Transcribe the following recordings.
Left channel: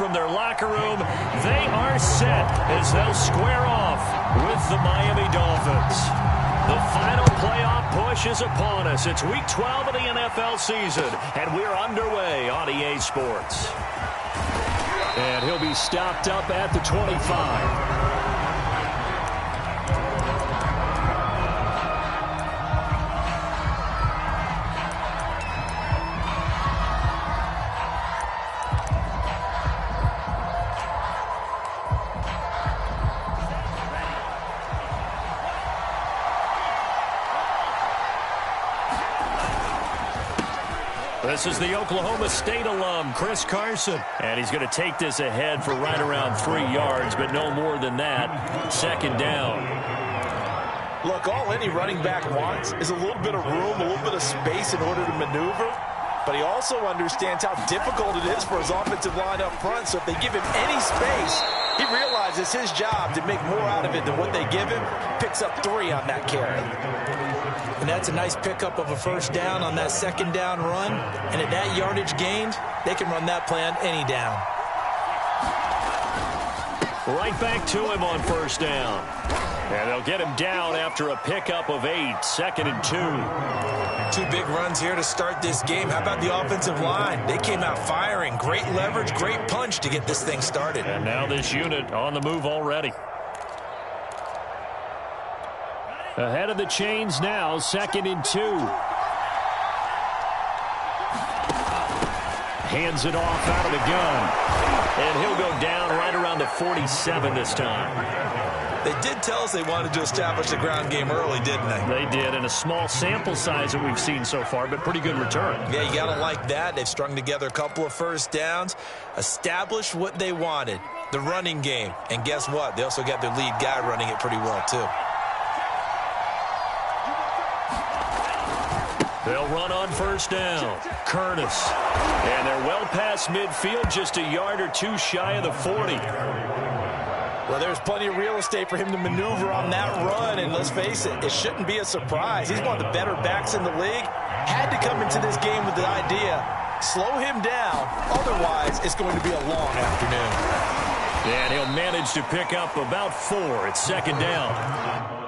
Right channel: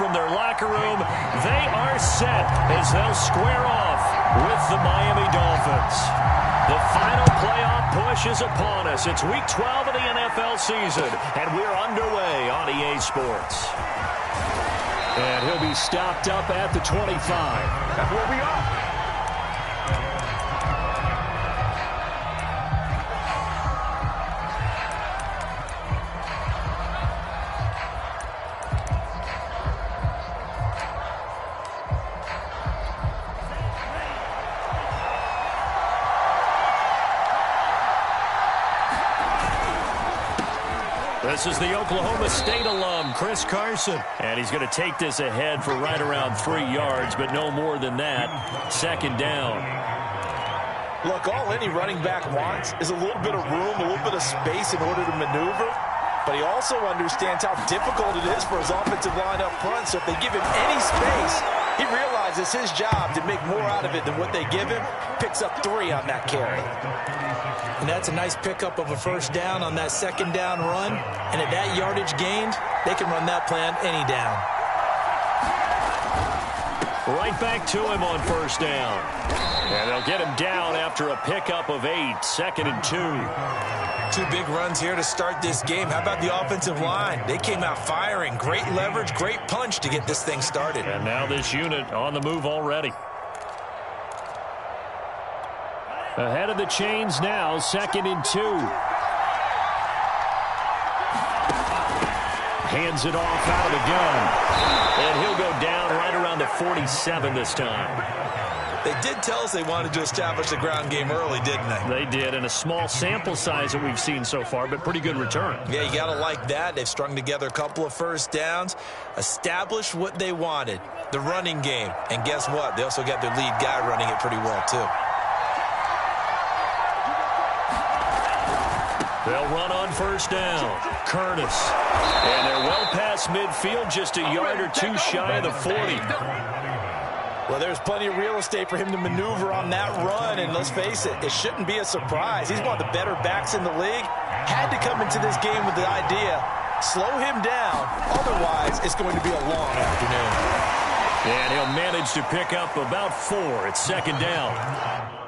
from their locker room. They are set as they'll square off with the Miami Dolphins. The final playoff push is upon us. It's Week 12 of the NFL season, and we're underway on EA Sports. And he'll be stopped up at the 25. This is the Oklahoma State alum, Chris Carson. And he's going to take this ahead for right around 3 yards, but no more than that. Second down. Look, all any running back wants is a little bit of room, a little bit of space in order to maneuver. But he also understands how difficult it is for his offensive line up front. So if they give him any space, he realizes his job to make more out of it than what they give him. Picks up 3 on that carry. And that's a nice pickup of a first down on that second down run. And at that yardage gained, they can run that play on any down. Right back to him on first down. And they'll get him down after a pickup of 8, 2nd and 2. 2 big runs here to start this game. How about the offensive line? They came out firing. Great leverage, great punch to get this thing started. And now this unit on the move already. Ahead of the chains now, 2nd and 2. Hands it off out of the gun. And he'll go down right around the 47 this time. They did tell us they wanted to establish the ground game early, didn't they? They did, and a small sample size that we've seen so far, but pretty good return. Yeah, you got to like that. They've strung together a couple of first downs, established what they wanted, the running game. And guess what? They also got their lead guy running it pretty well, too. They'll run on first down. Curtis. And they're well past midfield, just a yard or 2 shy of the 40. Well, there's plenty of real estate for him to maneuver on that run, and let's face it, it shouldn't be a surprise. He's one of the better backs in the league. Had to come into this game with the idea, slow him down, otherwise it's going to be a long afternoon. And he'll manage to pick up about 4. It's 2nd down.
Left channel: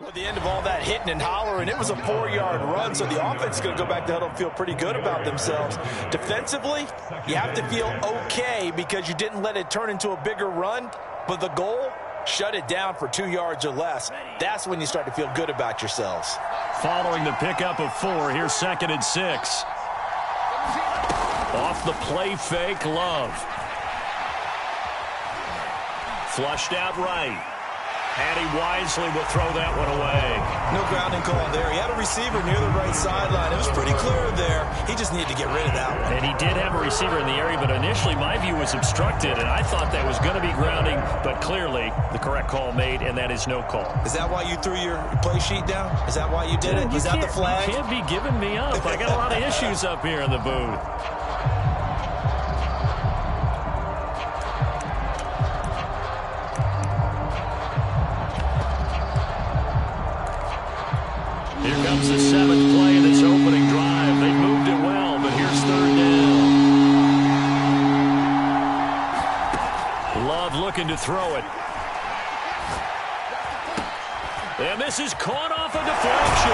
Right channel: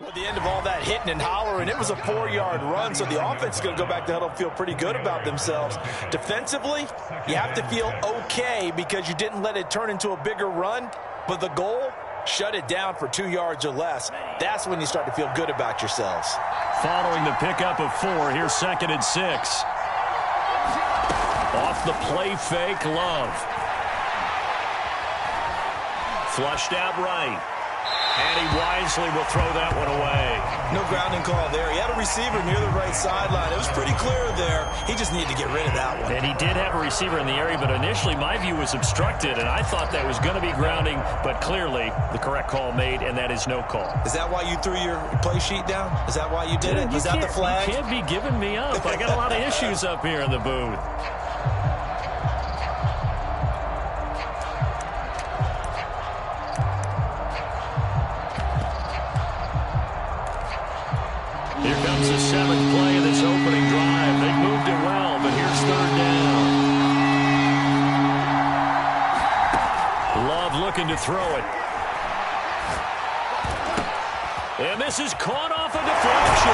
At the end of all that hitting and hollering, it was a 4-yard run, so the offense is going to go back to huddle and feel pretty good about themselves. Defensively, you have to feel okay because you didn't let it turn into a bigger run, but the goal, shut it down for 2 yards or less. That's when you start to feel good about yourselves. Following the pickup of 4, here's 2nd and 6. Off the play fake, Love. Flushed out right. And he wisely will throw that one away. No grounding call there. He had a receiver near the right sideline. It was pretty clear there. He just needed to get rid of that one. And he did have a receiver in the area, but initially my view was obstructed, and I thought that was going to be grounding, but clearly the correct call made, and that is no call. Is that why you threw your play sheet down? Is that why you did it? Was that the flag? You can't be giving me up. I got a lot of issues up here in the booth. Here comes the 7th play of this opening drive. They moved it well, but here's 3rd down. Love looking to throw it. And this is caught off a deflection.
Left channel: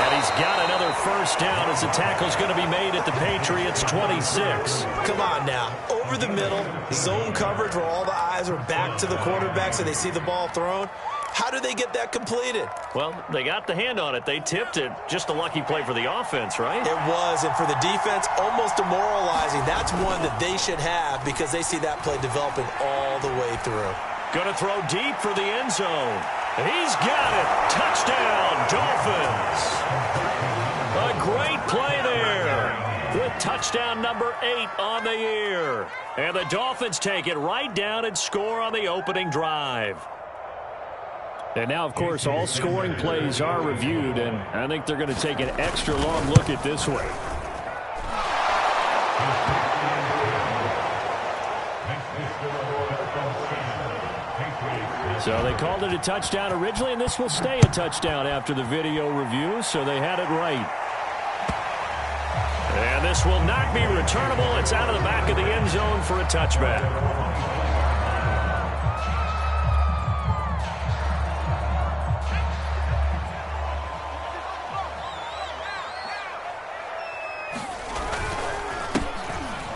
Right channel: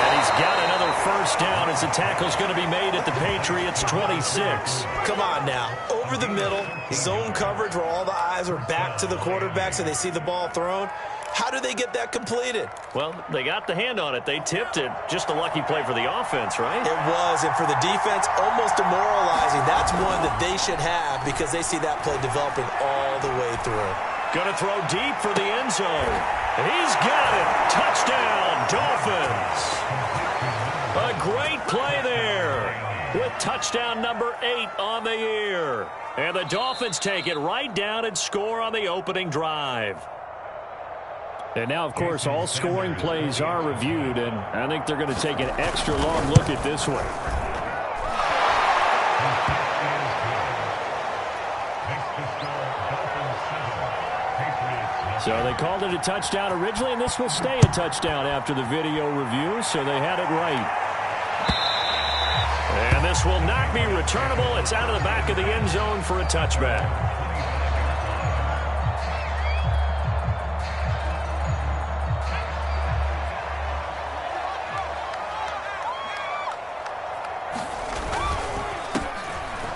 And he's got another first down as the tackle's going to be made at the Patriots' 26. Come on now. Over the middle, zone coverage where all the eyes are back to the quarterback so they see the ball thrown. How do they get that completed? Well, they got the hand on it. They tipped it. Just a lucky play for the offense, right? It was, and for the defense, almost demoralizing. That's one that they should have because they see that play developing all the way through. Going to throw deep for the end zone. He's got it. Touchdown, Dolphins. A great play there with touchdown number 8 on the year. And the Dolphins take it right down and score on the opening drive. And now, of course, all scoring plays are reviewed, and I think they're going to take an extra long look at this one. So they called it a touchdown originally, and this will stay a touchdown after the video review, so they had it right. And this will not be returnable. It's out of the back of the end zone for a touchback.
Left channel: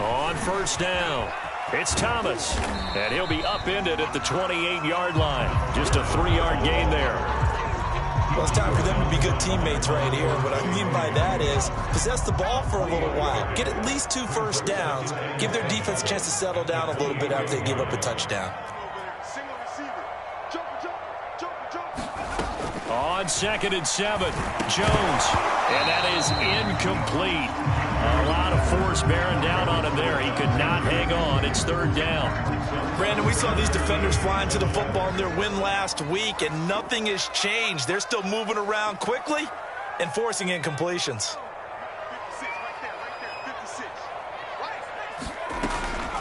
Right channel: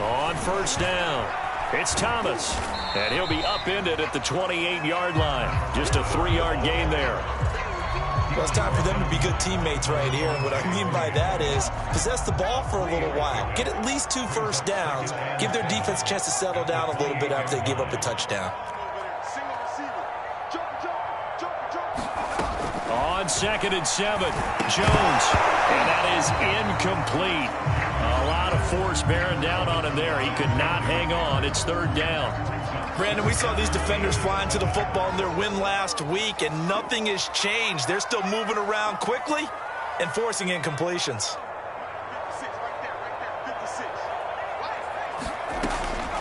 On first down, it's Thomas, and he'll be upended at the 28-yard line. Just a 3-yard gain there. Well, it's time for them to be good teammates right here. And what I mean by that is possess the ball for a little while. Get at least 2 first downs. Give their defense a chance to settle down a little bit after they give up a touchdown. On 2nd and 7, Jones, and that is incomplete. A lot of force bearing down on him there. He could not hang on. It's 3rd down. Brandon, we saw these defenders flying to the football in their win last week, and nothing has changed. They're still moving around quickly and forcing incompletions. 56, right there, 56.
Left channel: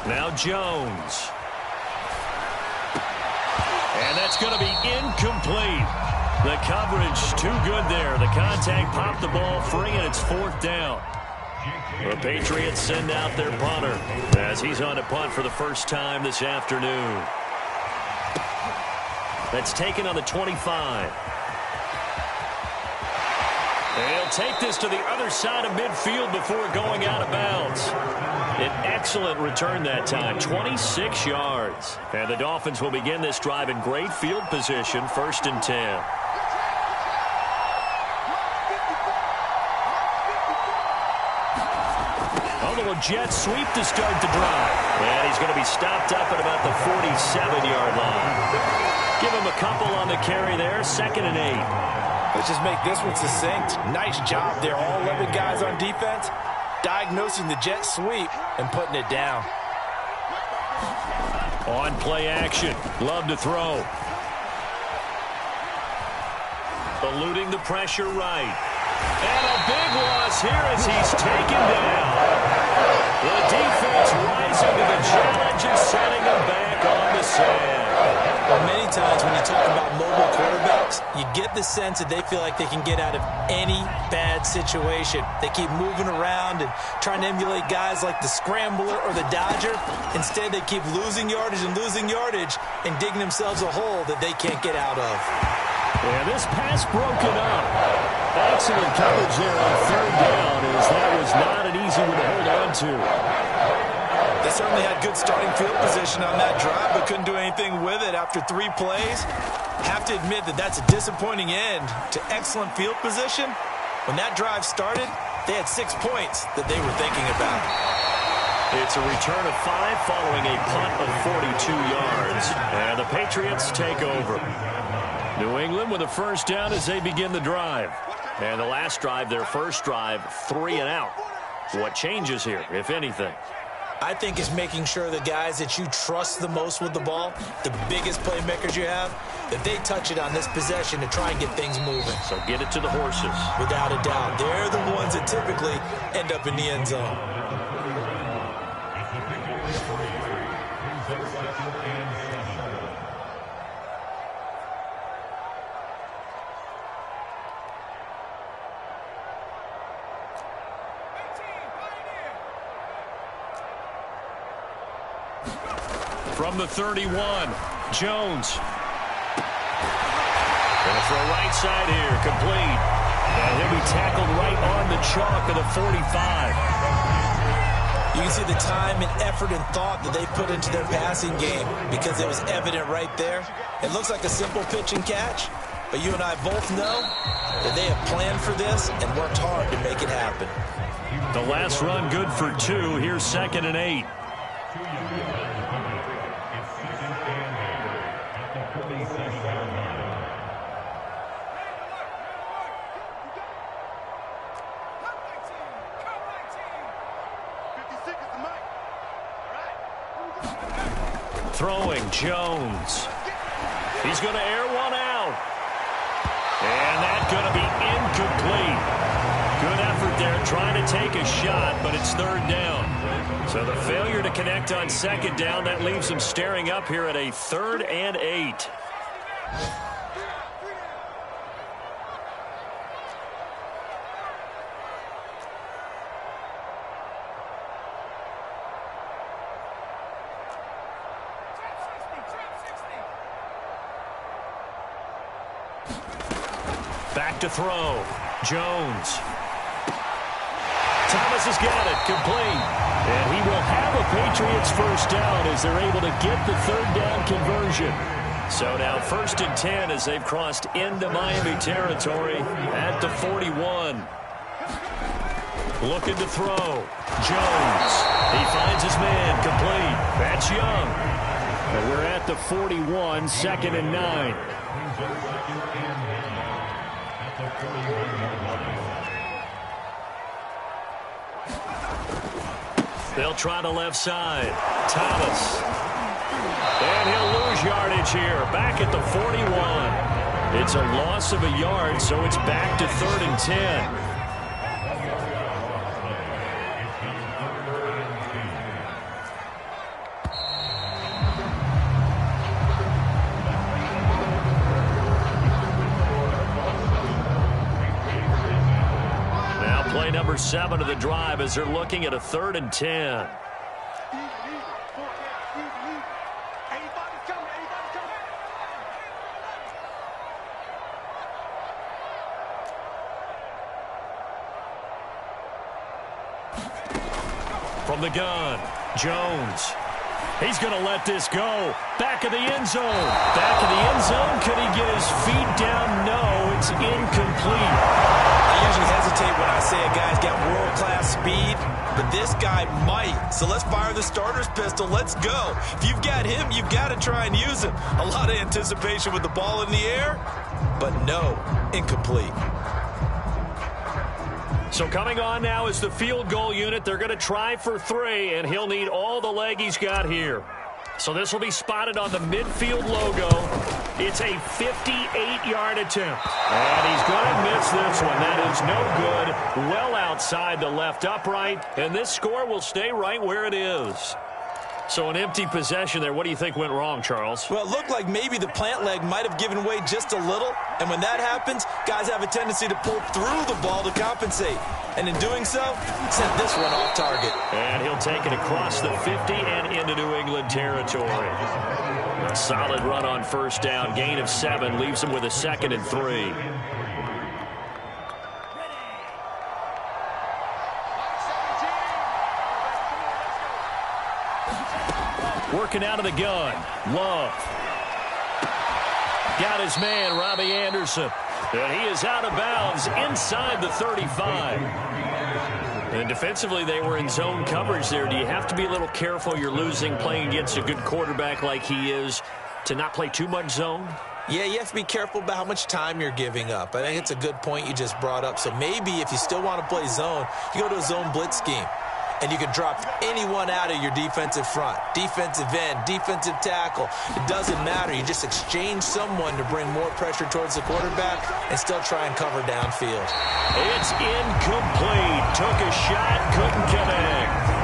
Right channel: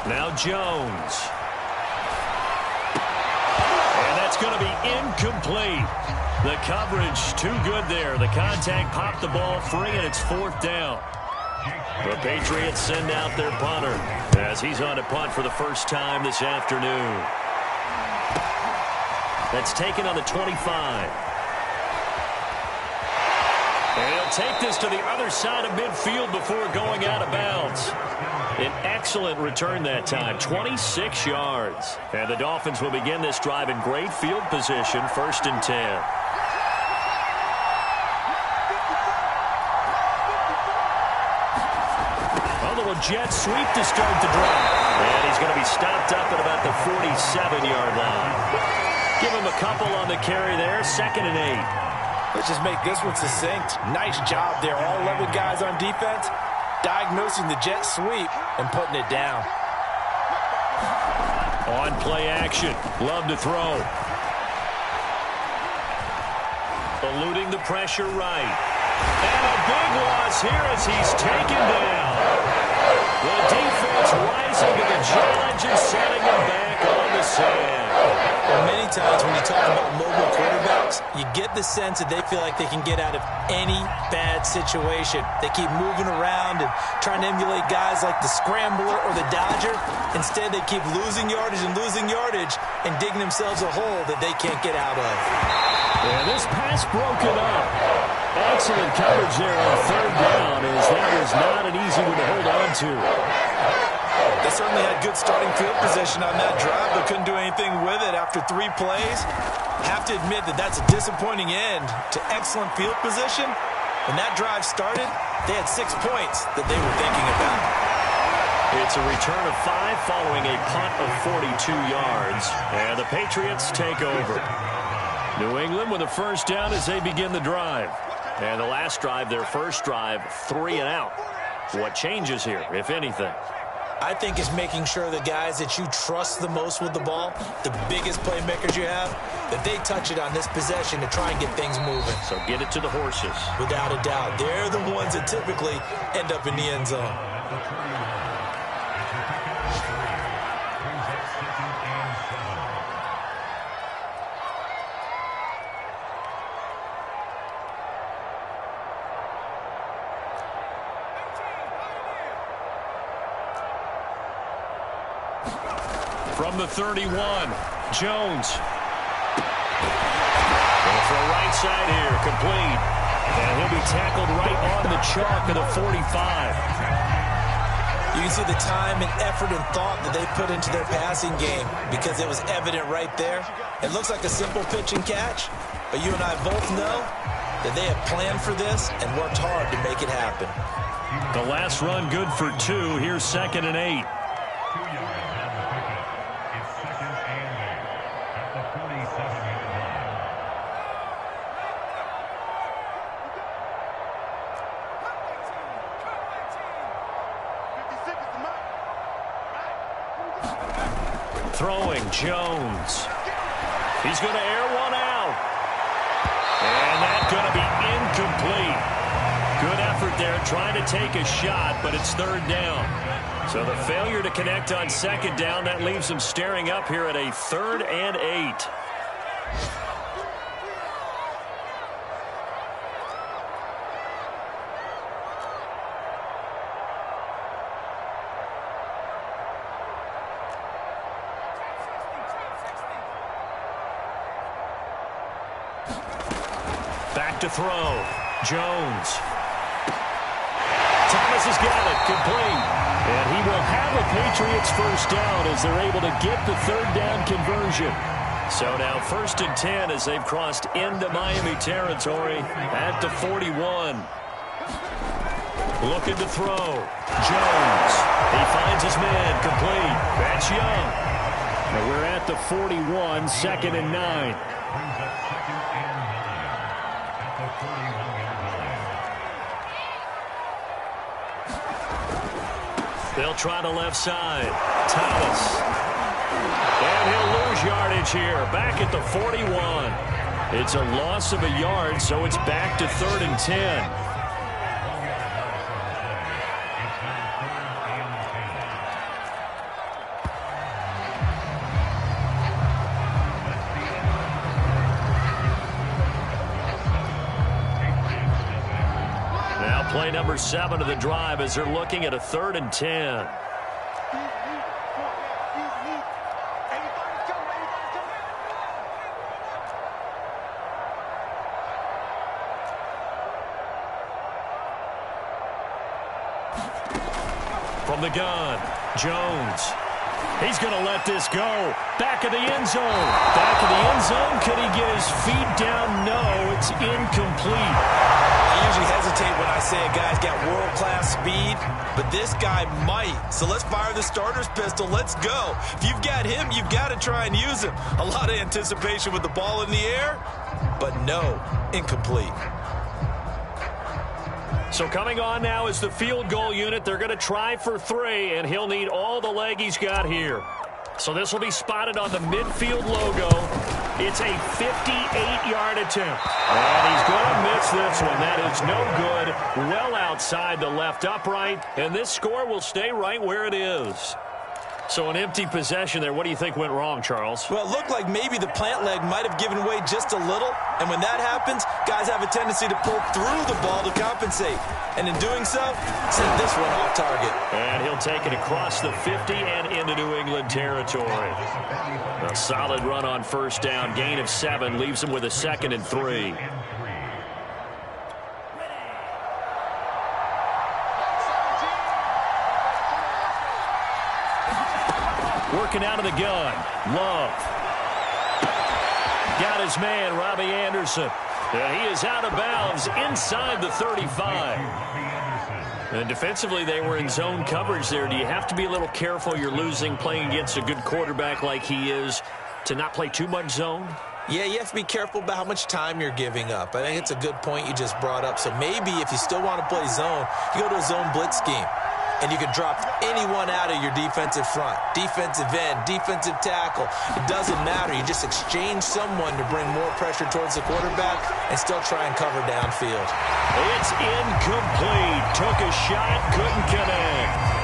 Now Jones. And that's going to be incomplete. The coverage too good there. The contact popped the ball free, and it's 4th down. The Patriots send out their punter as he's on to punt for the first time this afternoon. That's taken on the 25. And he'll take this to the other side of midfield before going out of bounds. An excellent return that time, 26 yards. And the Dolphins will begin this drive in great field position, 1st and 10. A jet sweep to start the drive. And he's going to be stopped up at about the 47-yard line. Give him a couple on the carry there, 2nd and 8. Let's just make this one succinct. Nice job there. All 11 guys on defense diagnosing the jet sweep and putting it down. On play action. Love to throw. Eluding the pressure right. And a big loss here as he's taken down. The defense rising to the challenge and setting him back on the sand. Well, many times when you talk about mobile quarterbacks, you get the sense that they feel like they can get out of any bad situation. They keep moving around and trying to emulate guys like the Scrambler or the Dodger. Instead, they keep losing yardage and digging themselves a hole that they can't get out of. And this pass broken up. Excellent coverage there on 3rd down, as that was not an easy one to hold on to. They certainly had good starting field position on that drive, but couldn't do anything with it after 3 plays. Have to admit that that's a disappointing end to excellent field position. When that drive started, they had 6 points that they were thinking about. It's a return of 5 following a punt of 42 yards, and the Patriots take over. New England with a first down as they begin the drive. And the last drive, their first drive, 3 and out. What changes here, if anything? I think it's making sure the guys that you trust the most with the ball, the biggest playmakers you have, that they touch it on this possession to try and get things moving. So get it to the horses. Without a doubt. They're the ones that typically end up in the end zone. From the 31, Jones. Going to throw right side here, complete. And he'll be tackled right on the chalk of the 45. You can see the time and effort and thought that they put into their passing game because it was evident right there. It looks like a simple pitch and catch, but you and I both know that they have planned for this and worked hard to make it happen. The last run good for 2. Here's 2nd and 8. Throwing, Jones. He's going to air one out. And that's going to be incomplete. Good effort there trying to take a shot, but it's 3rd down. So the failure to connect on 2nd down, that leaves them staring up here at a 3rd and 8. Back to throw. Jones. Thomas has got it. Complete. And he will have a Patriots first down as they're able to get the 3rd down conversion. So now 1st and 10 as they've crossed into Miami territory at the 41. Looking to throw. Jones. He finds his man. Complete. That's Young. And we're at the 41, 2nd and 9. They'll try the left side. Thomas. And he'll lose yardage here. Back at the 41. It's a loss of a yard, so it's back to 3rd and 10. Play number 7 of the drive as they're looking at a 3rd and 10. From the gun, Jones. He's going to let this go. Back of the end zone. Back of the end zone. Could he get his feet down? No, it's incomplete. I usually hesitate when I say a guy's got world-class speed, but this guy might. So let's fire the starter's pistol. Let's go. If you've got him, you've got to try and use him. A lot of anticipation with the ball in the air, but no, incomplete. So coming on now is the field goal unit. They're going to try for 3, and he'll need all the leg he's got here. So this will be spotted on the midfield logo. It's a 58-yard attempt. And he's going to miss this one. That is no good. Well outside the left upright. And this score will stay right where it is. So an empty possession there. What do you think went wrong, Charles? Well, it looked like maybe the plant leg might have given way just a little. And when that happens, guys have a tendency to pull through the ball to compensate. And in doing so, sent this one off target. And he'll take it across the 50 and into New England territory. A solid run on 1st down. Gain of 7 leaves him with a 2nd and 3. Working out of the gun. Love. Got his man, Robbie Anderson. And he is out of bounds inside the 35. And defensively, they were in zone coverage there. Do you have to be a little careful? You're losing, playing against a good quarterback like he is, to not play too much zone? Yeah, you have to be careful about how much time you're giving up. I think it's a good point you just brought up. So maybe if you still want to play zone, you go to a zone blitz scheme. And you can drop anyone out of your defensive front. Defensive end, defensive tackle. It doesn't matter. You just exchange someone to bring more pressure towards the quarterback and still try and cover downfield. It's incomplete. Took a shot, couldn't connect.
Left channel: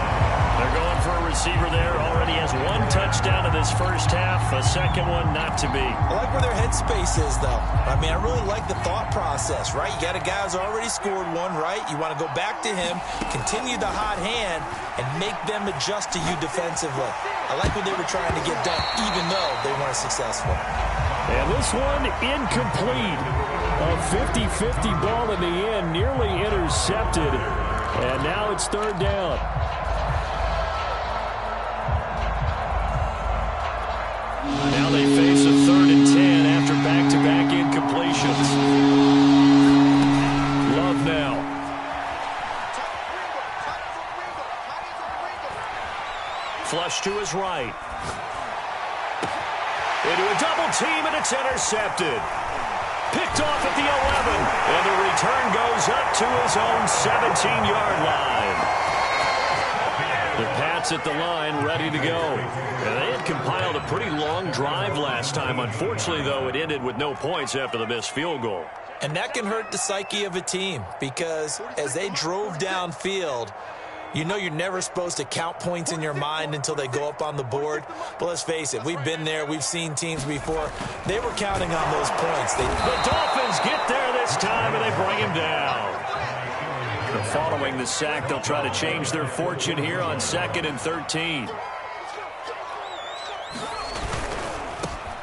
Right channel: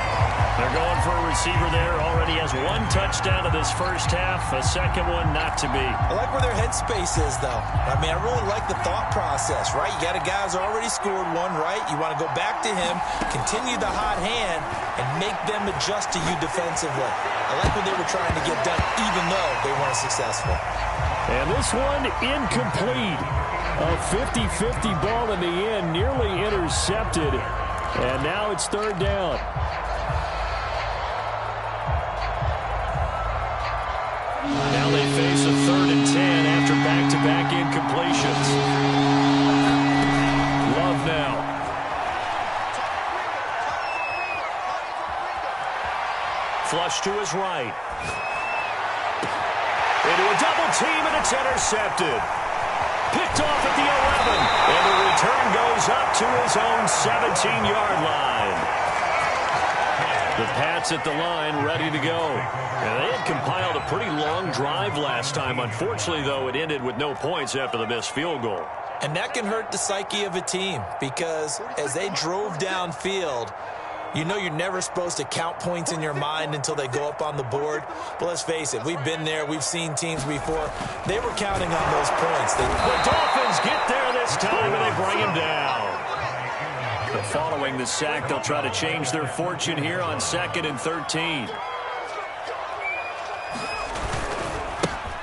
They're going for a receiver there. Already has 1 touchdown in this first half. A second one not to be. I like where their headspace is, though. I mean, I really like the thought process, right? You got a guy who's already scored 1, right? You want to go back to him, continue the hot hand, and make them adjust to you defensively. I like what they were trying to get done, even though they weren't successful. And this one incomplete. A 50-50 ball in the end, nearly intercepted. And now it's third down. Now they face a 3rd and 10 after back-to-back incompletions. Love now. Flush to his right. Into a double team, and it's intercepted. Picked off at the 11, and the return goes up to his own 17-yard line. The Pats at the line, ready to go. And they had compiled a pretty long drive last time. Unfortunately, though, it ended with no points after the missed field goal. And that can hurt the psyche of a team because as they drove downfield, you know you're never supposed to count points in your mind until they go up on the board. But let's face it, we've been there. We've seen teams before. They were counting on those points. The Dolphins get there this time, and they bring him down. But following the sack, they'll try to change their fortune here on 2nd and 13.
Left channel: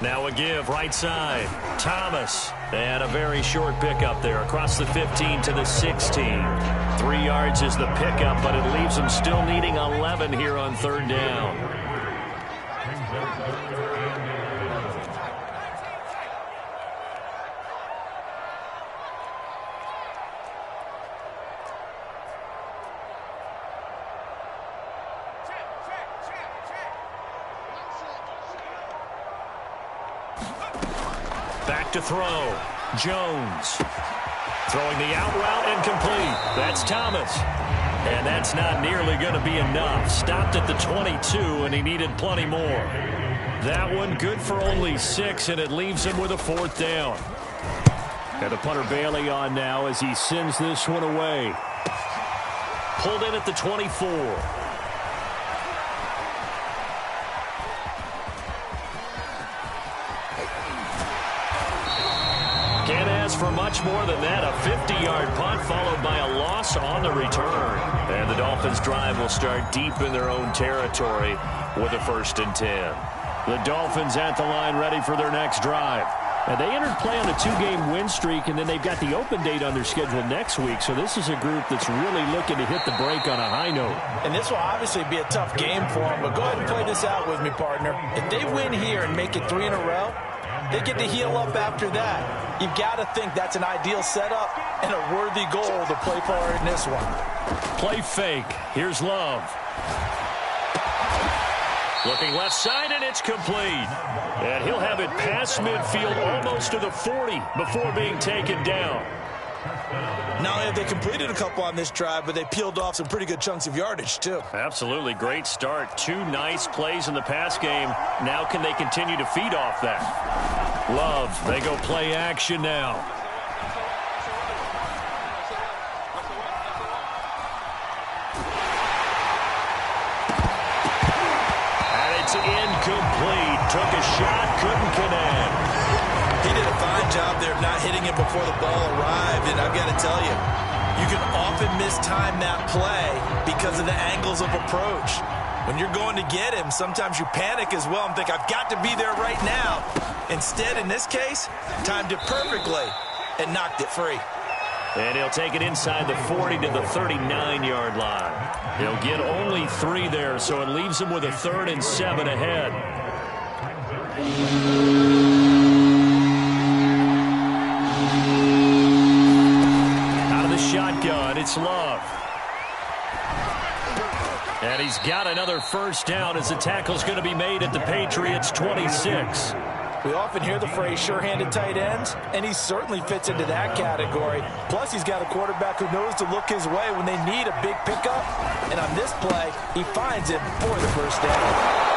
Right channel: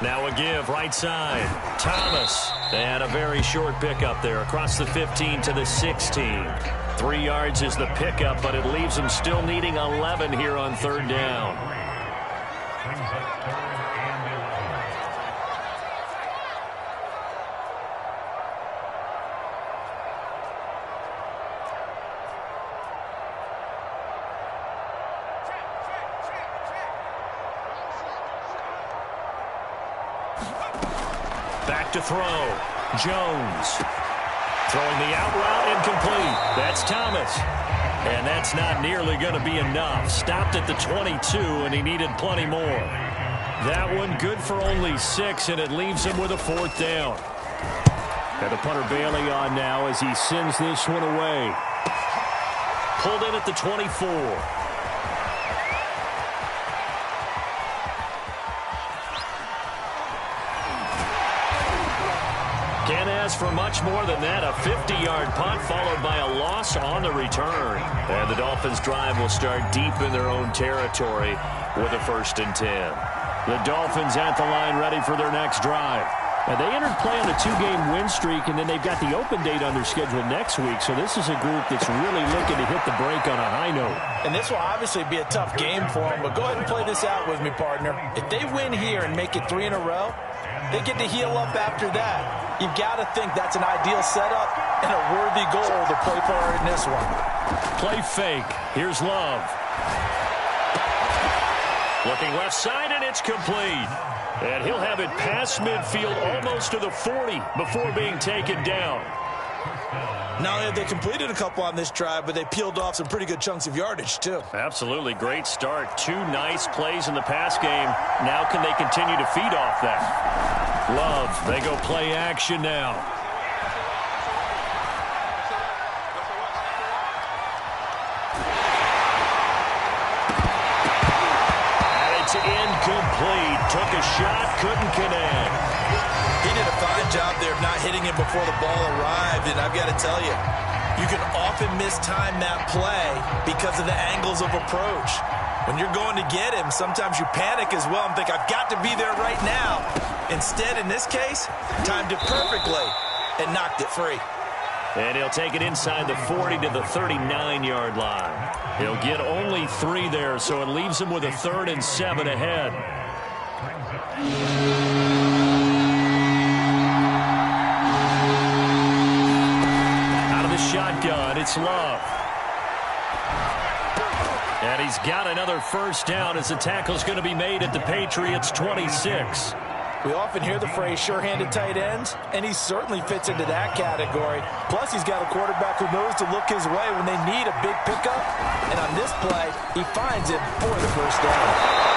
Now a give, right side. Thomas. And a very short pickup there across the 15 to the 16. 3 yards is the pickup, but it leaves them still needing 11 here on 3rd down. Back to throw. Jones. Throwing the out route incomplete. That's Thomas. And that's not nearly going to be enough. Stopped at the 22, and he needed plenty more. That one good for only 6, and it leaves him with a 4th down. And the punter Bailey on now as he sends this one away. Pulled in at the 24. Can't ask for much more than that. A 50-yard punt followed by a loss on the return. And the Dolphins' drive will start deep in their own territory with a 1st and 10. The Dolphins at the line ready for their next drive. And they entered play on a 2-game win streak, and then they've got the open date on their schedule next week. So this is a group that's really looking to hit the break on a high note. And this will obviously be a tough game for them, but go ahead and play this out with me, partner. If they win here and make it 3 in a row, they get to heal up after that. You've got to think that's an ideal setup and a worthy goal to play for in this one. Play fake. Here's Love. Looking left side, and it's complete. And he'll have it past midfield almost to the 40 before being taken down. Not only have they completed a couple on this drive, but they peeled off some pretty good chunks of yardage, too. Absolutely. Great start. 2 nice plays in the pass game. Now can they continue to feed off that? Love. They go play action now. And it's incomplete. Took a shot, couldn't connect. He did a fine job there of not hitting him before the ball arrived, and I've got to tell you, you can often mistime that play because of the angles of approach. When you're going to get him, sometimes you panic as well and think, I've got to be there right now. Instead, in this case, timed it perfectly and knocked it free. And he'll take it inside the 40 to the 39-yard line. He'll get only 3 there, so it leaves him with a 3rd and 7 ahead. Out of the shotgun, it's Love. And he's got another 1st down as the tackle's going to be made at the Patriots' 26. We often hear the phrase sure-handed tight ends, and he certainly fits into that category. Plus, he's got a quarterback who knows to look his way when they need a big pickup. And on this play, he finds it for the 1st down.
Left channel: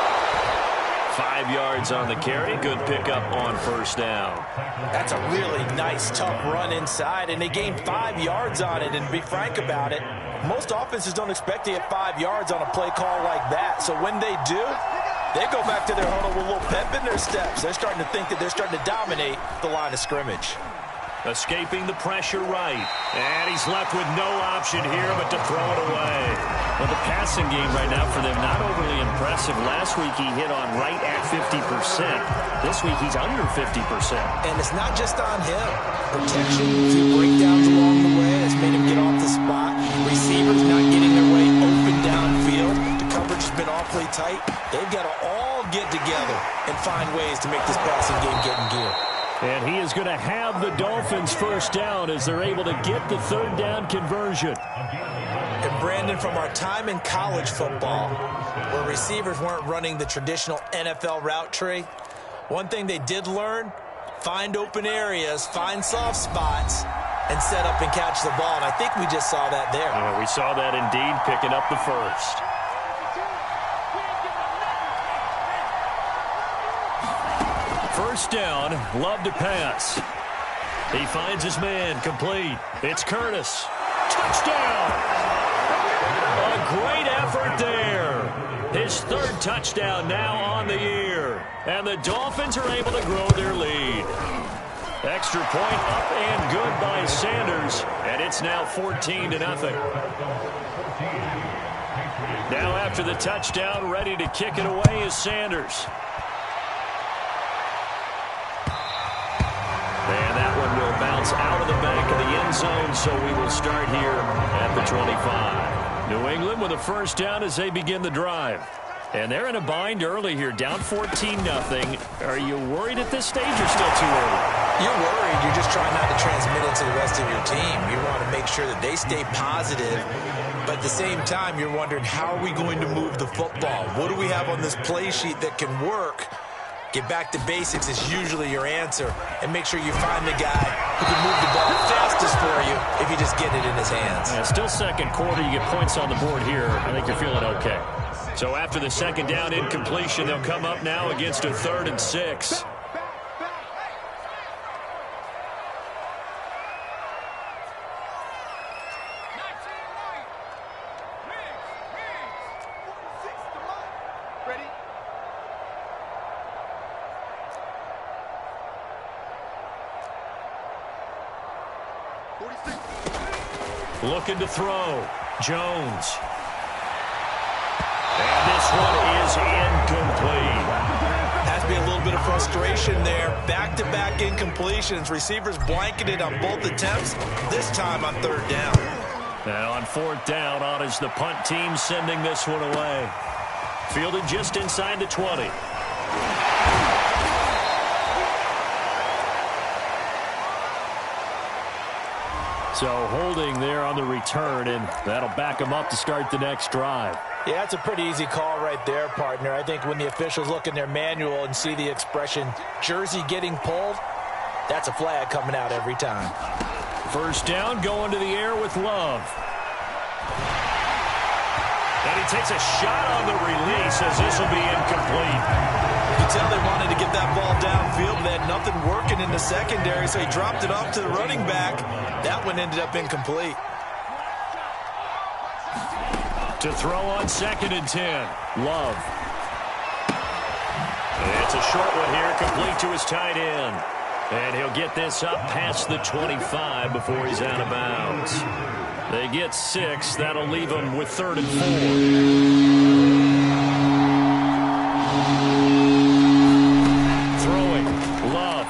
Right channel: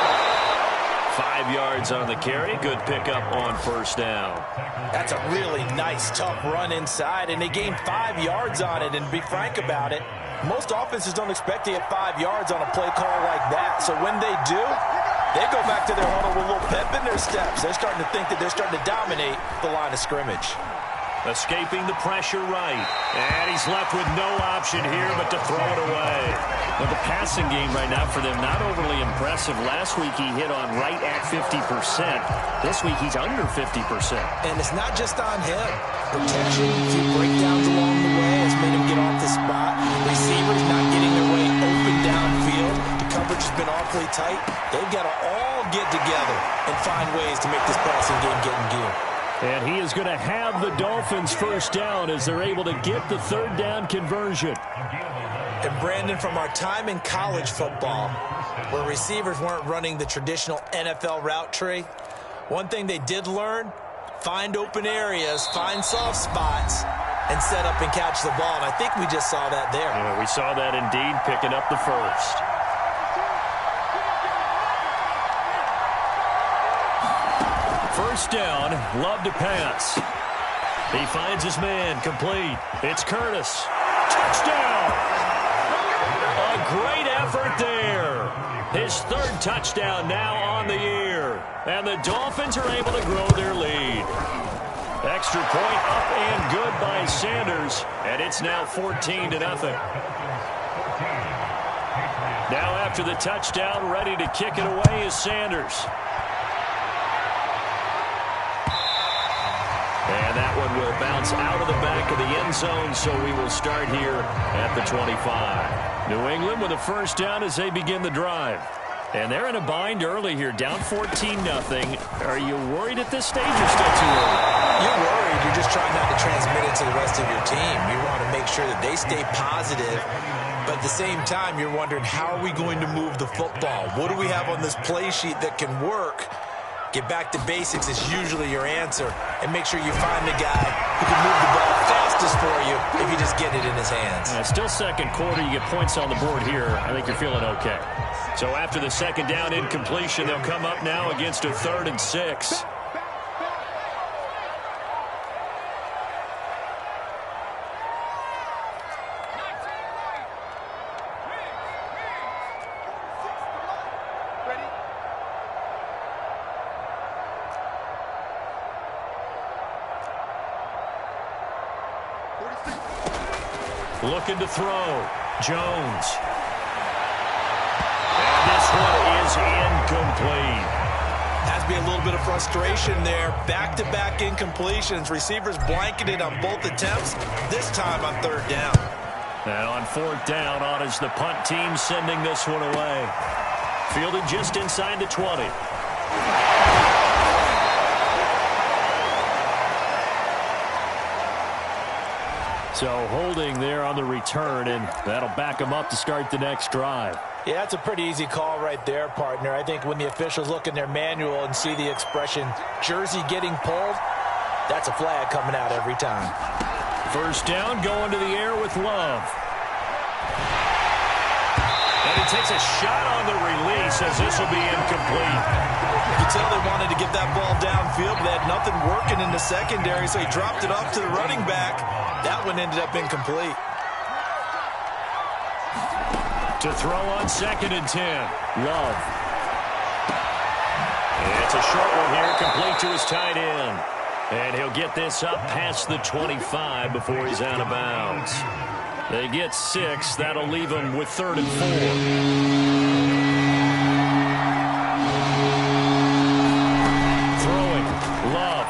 5 yards on the carry. Good pickup on 1st down. That's a really nice, tough run inside, and they gained 5 yards on it. And to be frank about it, most offenses don't expect to get 5 yards on a play call like that. So when they do, they go back to their huddle with a little pep in their steps. They're starting to think that they're starting to dominate the line of scrimmage. Escaping the pressure right. And he's left with no option here but to throw it away. Well, the passing game right now for them, not overly impressive. Last week he hit on right at 50%. This week he's under 50%. And it's not just on him. Protection, a few breakdowns along the way has made him get off the spot. Receivers not getting their way open downfield. The coverage has been awfully tight. They've got to all get together and find ways to make this passing game get in gear. And he is going to have the Dolphins first down as they're able to get the third down conversion. And Brandon, from our time in college football, where receivers weren't running the traditional NFL route tree, one thing they did learn, find open areas, find soft spots, and set up and catch the ball. And I think we just saw that there. Yeah, we saw that indeed, picking up the first. First down, Love to pass. He finds his man, complete. It's Curtis. Touchdown! A great effort there. His third touchdown now on the year. And the Dolphins are able to grow their lead. Extra point up and good by Sanders. And it's now 14-0. Now after the touchdown, ready to kick it away is Sanders. And that one will bounce out of the back of the end zone, so we will start here at the 25. New England with a first down as they begin the drive. And they're in a bind early here, down 14-0. Are you worried at this stage or still too early? You're worried. You're just trying not to transmit it to the rest of your team. You want to make sure that they stay positive. But at the same time, you're wondering, how are we going to move the football? What do we have on this play sheet that can work? Get back to basics is usually your answer. And make sure you find the guy who can move the ball fastest for you if you just get it in his hands. Yeah, still second quarter. You get points on the board here. I think you're feeling okay. So after the second down incompletion, they'll come up now against a 3rd and 6. Looking to throw. Jones. And this one is incomplete. Has to be a little bit of frustration there. Back-to-back incompletions. Receivers blanketed on both attempts, this time on 3rd down. And on 4th down, on is the punt team sending this one away. Fielded just inside the 20. So holding there on the return, and that'll back them up to start the next drive. Yeah, that's a pretty easy call right there, partner. I think when the officials look in their manual and see the expression, jersey getting pulled, that's a flag coming out every time. First down, going to the air with Love. And he takes a shot on the release as this will be incomplete. You can tell they wanted to get that ball downfield, but they had nothing working in the secondary, so he dropped it off to the running back. That one ended up incomplete. To throw on 2nd and 10. Love. It's a short one here, complete to his tight end. And he'll get this up past the 25 before he's out of bounds. They get 6. That'll leave them with 3rd and 4. Throwing. Love.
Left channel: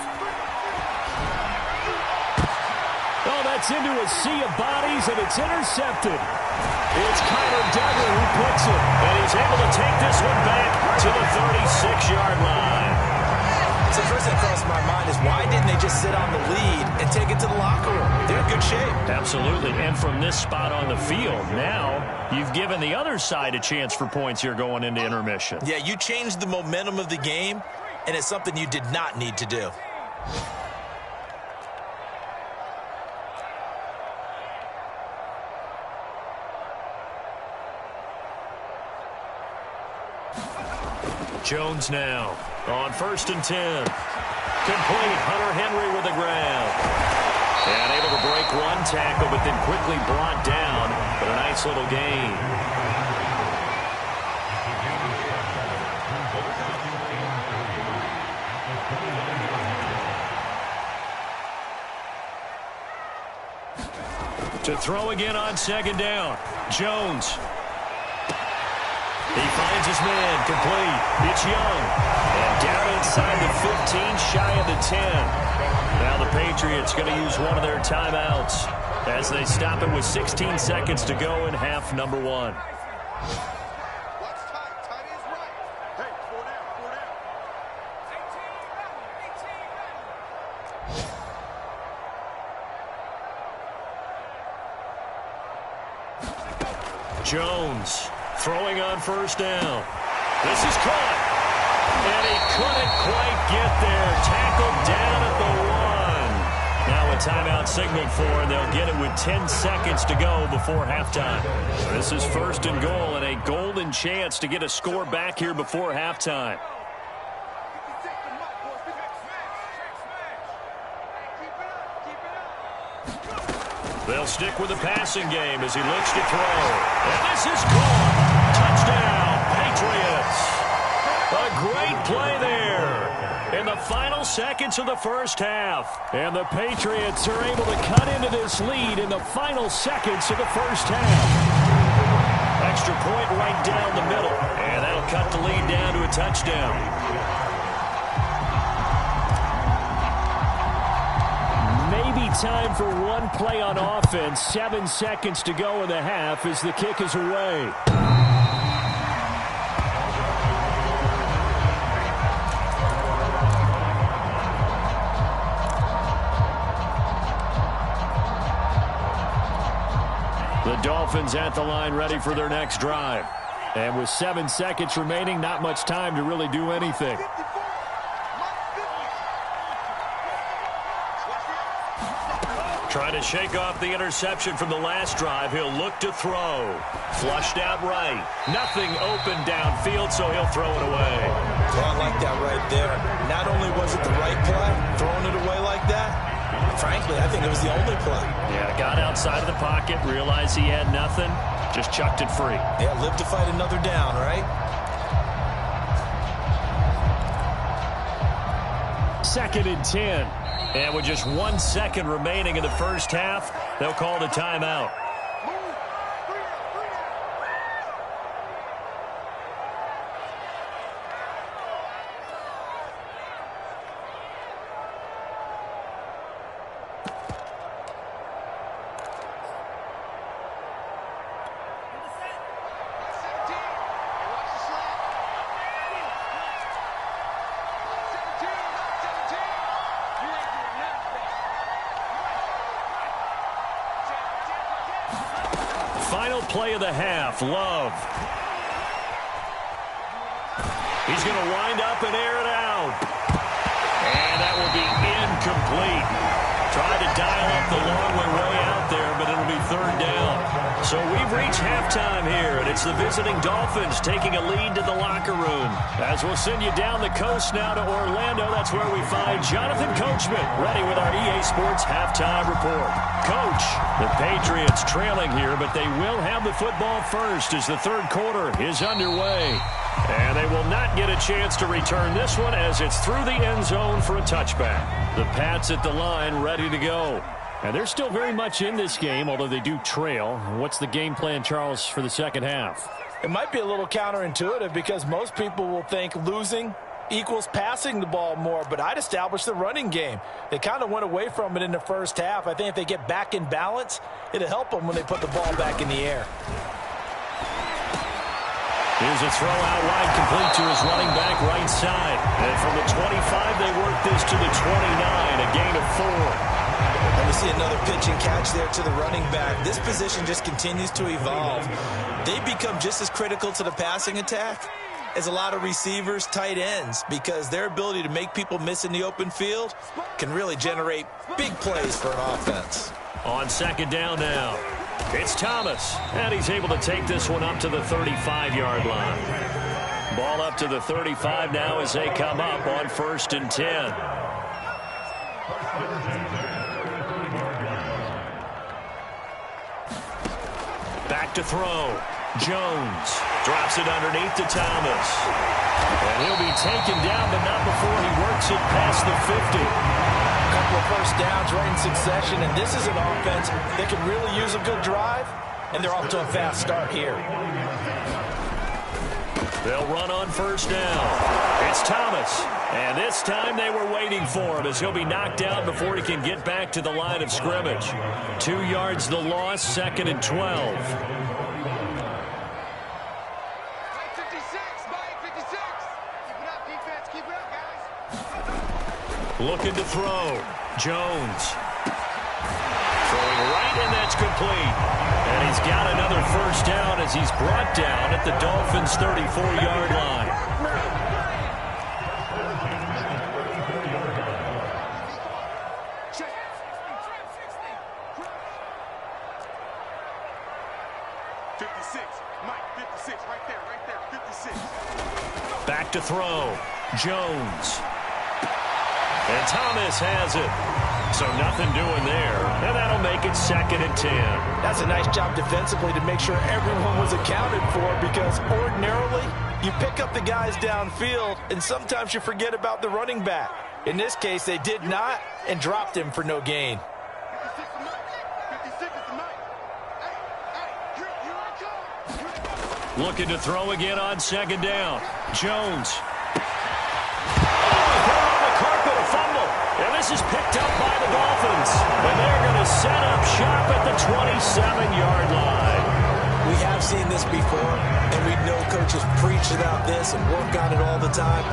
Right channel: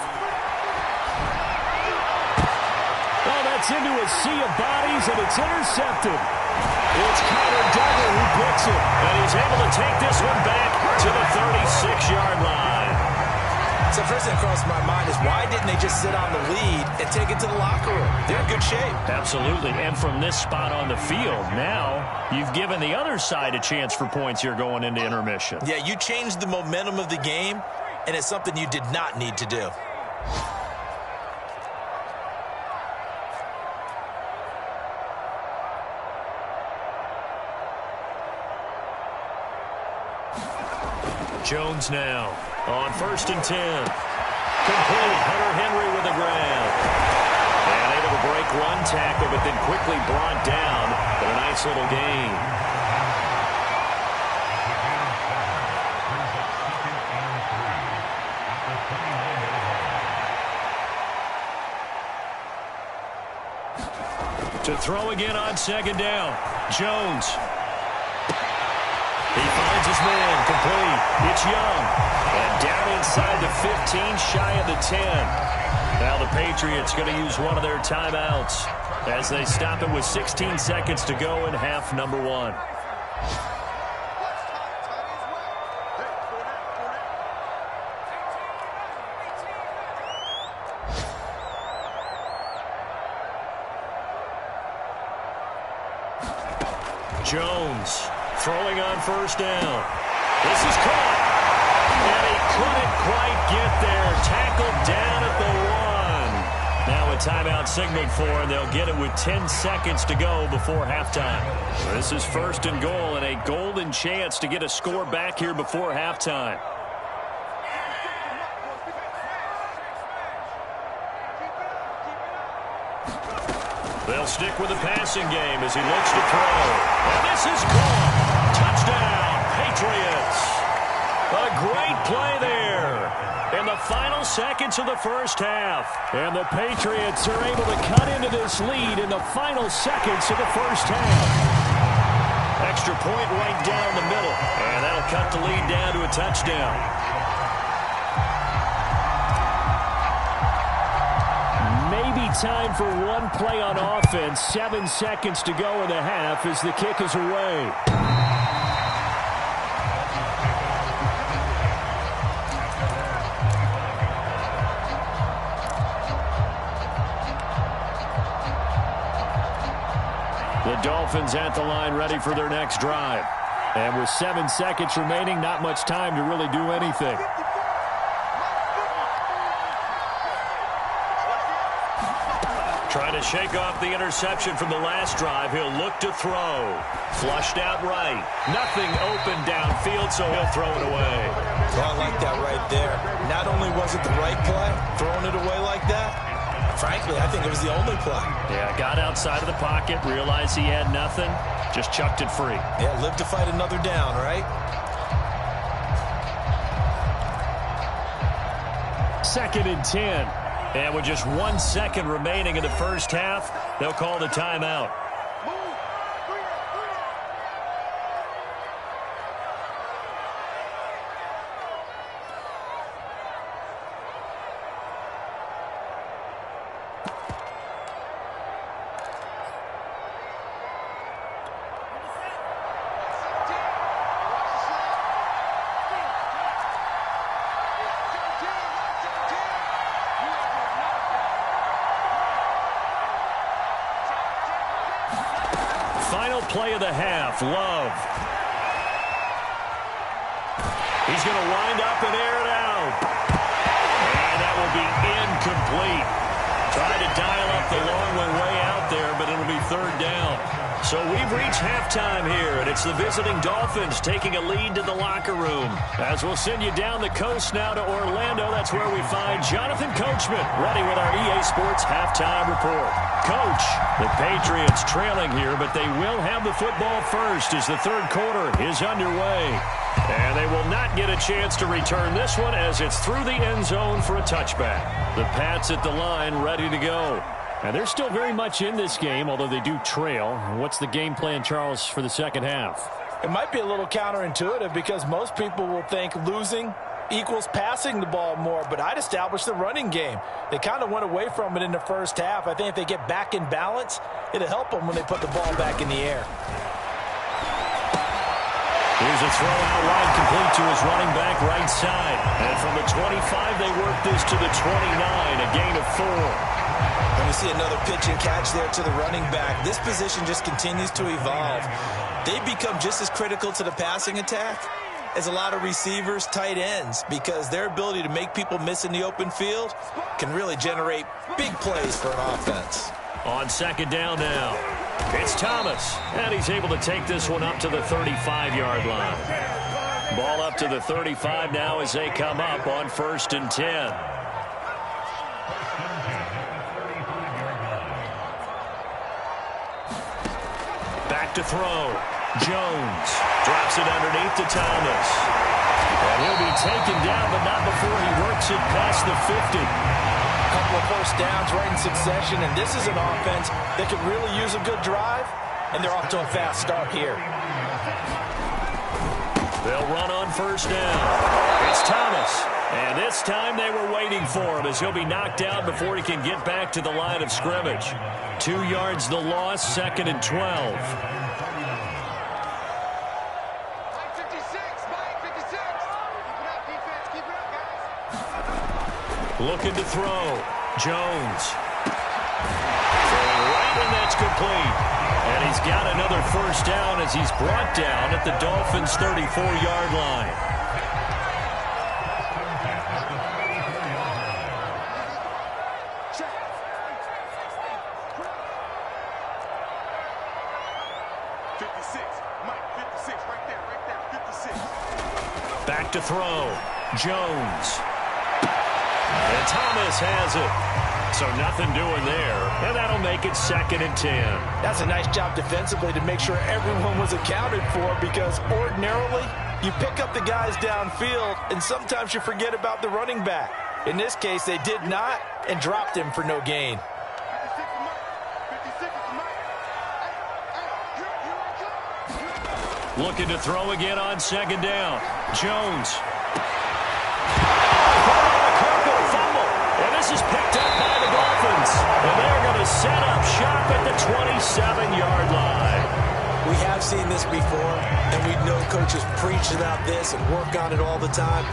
Oh, that's into a sea of bodies, and it's intercepted. It's Kyler Duggar who picks it, and he's able to take this one back to the 36-yard line. So first thing that crossed my mind is, why didn't they just sit on the lead and take it to the locker room? They're in good shape. Absolutely, and from this spot on the field, now you've given the other side a chance for points here going into intermission. Yeah, you changed the momentum of the game, and it's something you did not need to do. Jones now on 1st and 10. Complete. Hunter Henry with the grab. And able to break one tackle, but then quickly brought down. But a nice little gain. To throw again on second down. Jones. He finds his man, complete. It's Young. And down inside the 15, shy of the 10. Now the Patriots going to use one of their timeouts as they stop it with 16 seconds to go in half number 1. Watch tight. Tight is right. Hey, 4 down, 4 down. 18 Jones throwing on first down. This is caught. And he couldn't quite get there. Tackled down at the 1. Now a timeout signaled for, and they'll get it with 10 seconds to go before halftime. This is first and goal, and a golden chance to get a score back here before halftime. They'll stick with the passing game as he looks to throw. And this is caught. Touchdown, Patriots. A great play there in the final seconds of the first half. And the Patriots are able to cut into this lead in the final seconds of the first half. Extra point right down the middle. And that'll cut the lead down to a touchdown. Maybe time for one play on offense. 7 seconds to go in the half as the kick is away. The Dolphins at the line ready for their next drive. And with 7 seconds remaining, not much time to really do anything. Trying to shake off the interception from the last drive. He'll look to throw. Flushed out right. Nothing open downfield, so he'll throw it away. Well, I like that right there. Not only was it the right play, throwing it away like that, frankly, I think it was the only play. Yeah, got outside of the pocket, realized he had nothing, just chucked it free. Yeah, live to fight another down, right? Second and 10. And with just 1 second remaining in the first half, they'll call the timeout. Final play of the half, Love. He's going to wind up and air it out. And that will be incomplete. Tried to dial up the long way out there, but it'll be third down. So we've reached halftime here, and it's the visiting Dolphins taking a lead to the locker room. As we'll send you down the coast now to Orlando, that's where we find Jonathan Coachman, ready with our EA Sports halftime report. Coach, the Patriots trailing here, but they will have the football first as the third quarter is underway. And they will not get a chance to return this one as it's through the end zone for a touchback. The Pats at the line ready to go. And they're still very much in this game, although they do trail. What's the game plan, Charles, for the second half? It might be a little counterintuitive because most people will think losing equals passing the ball more, but I'd establish the running game. They kind of went away from it in the first half. I think if they get back in balance, it'll help them when they put the ball back in the air. Here's a throw out wide, complete to his running back right side. And from the 25, they work this to the 29, a gain of 4. And we see another pitch and catch there to the running back. This position just continues to evolve. They become just as critical to the passing attack as a lot of receivers, tight ends, because their ability to make people miss in the open field can really generate big plays for an offense. On second down now, it's Thomas, and he's able to take this one up to the 35-yard line. Ball up to the 35 now as they come up on 1st and 10. Back to throw. Jones drops it underneath to Thomas. And he'll be taken down, but not before he works it past the 50. A couple couple of first downs right in succession, and this is an offense that could really use a good drive, and they're off to a fast start here. They'll run on first down. It's Thomas. And this time they were waiting for him as he'll be knocked out before he can get back to the line of scrimmage. 2 yards the loss, 2nd and 12. Mike 56, Mike 56. Keep it up, defense. Keep it up, guys. Looking to throw. Jones. Throwing right, and that's complete. And he's got another first down as he's brought down at the Dolphins' 34-yard line. Back to throw. Jones. And Thomas has it. So nothing doing there. And that'll make it 2nd and 10. That's a nice job defensively to make sure everyone was accounted for, because ordinarily you pick up the guys downfield and sometimes you forget about the running back. In this case, they did not and dropped him for no gain. 56 is Mike. 56 is Mike. Hey, here I come. Looking to throw again on 2nd down. Jones. Oh, he put it on the carpet, a fumble. And this is picked up by the Dolphins. And they're going to set up shop at the 27-yard line. We have seen this before, and we know coaches preach about this and work on it all the time.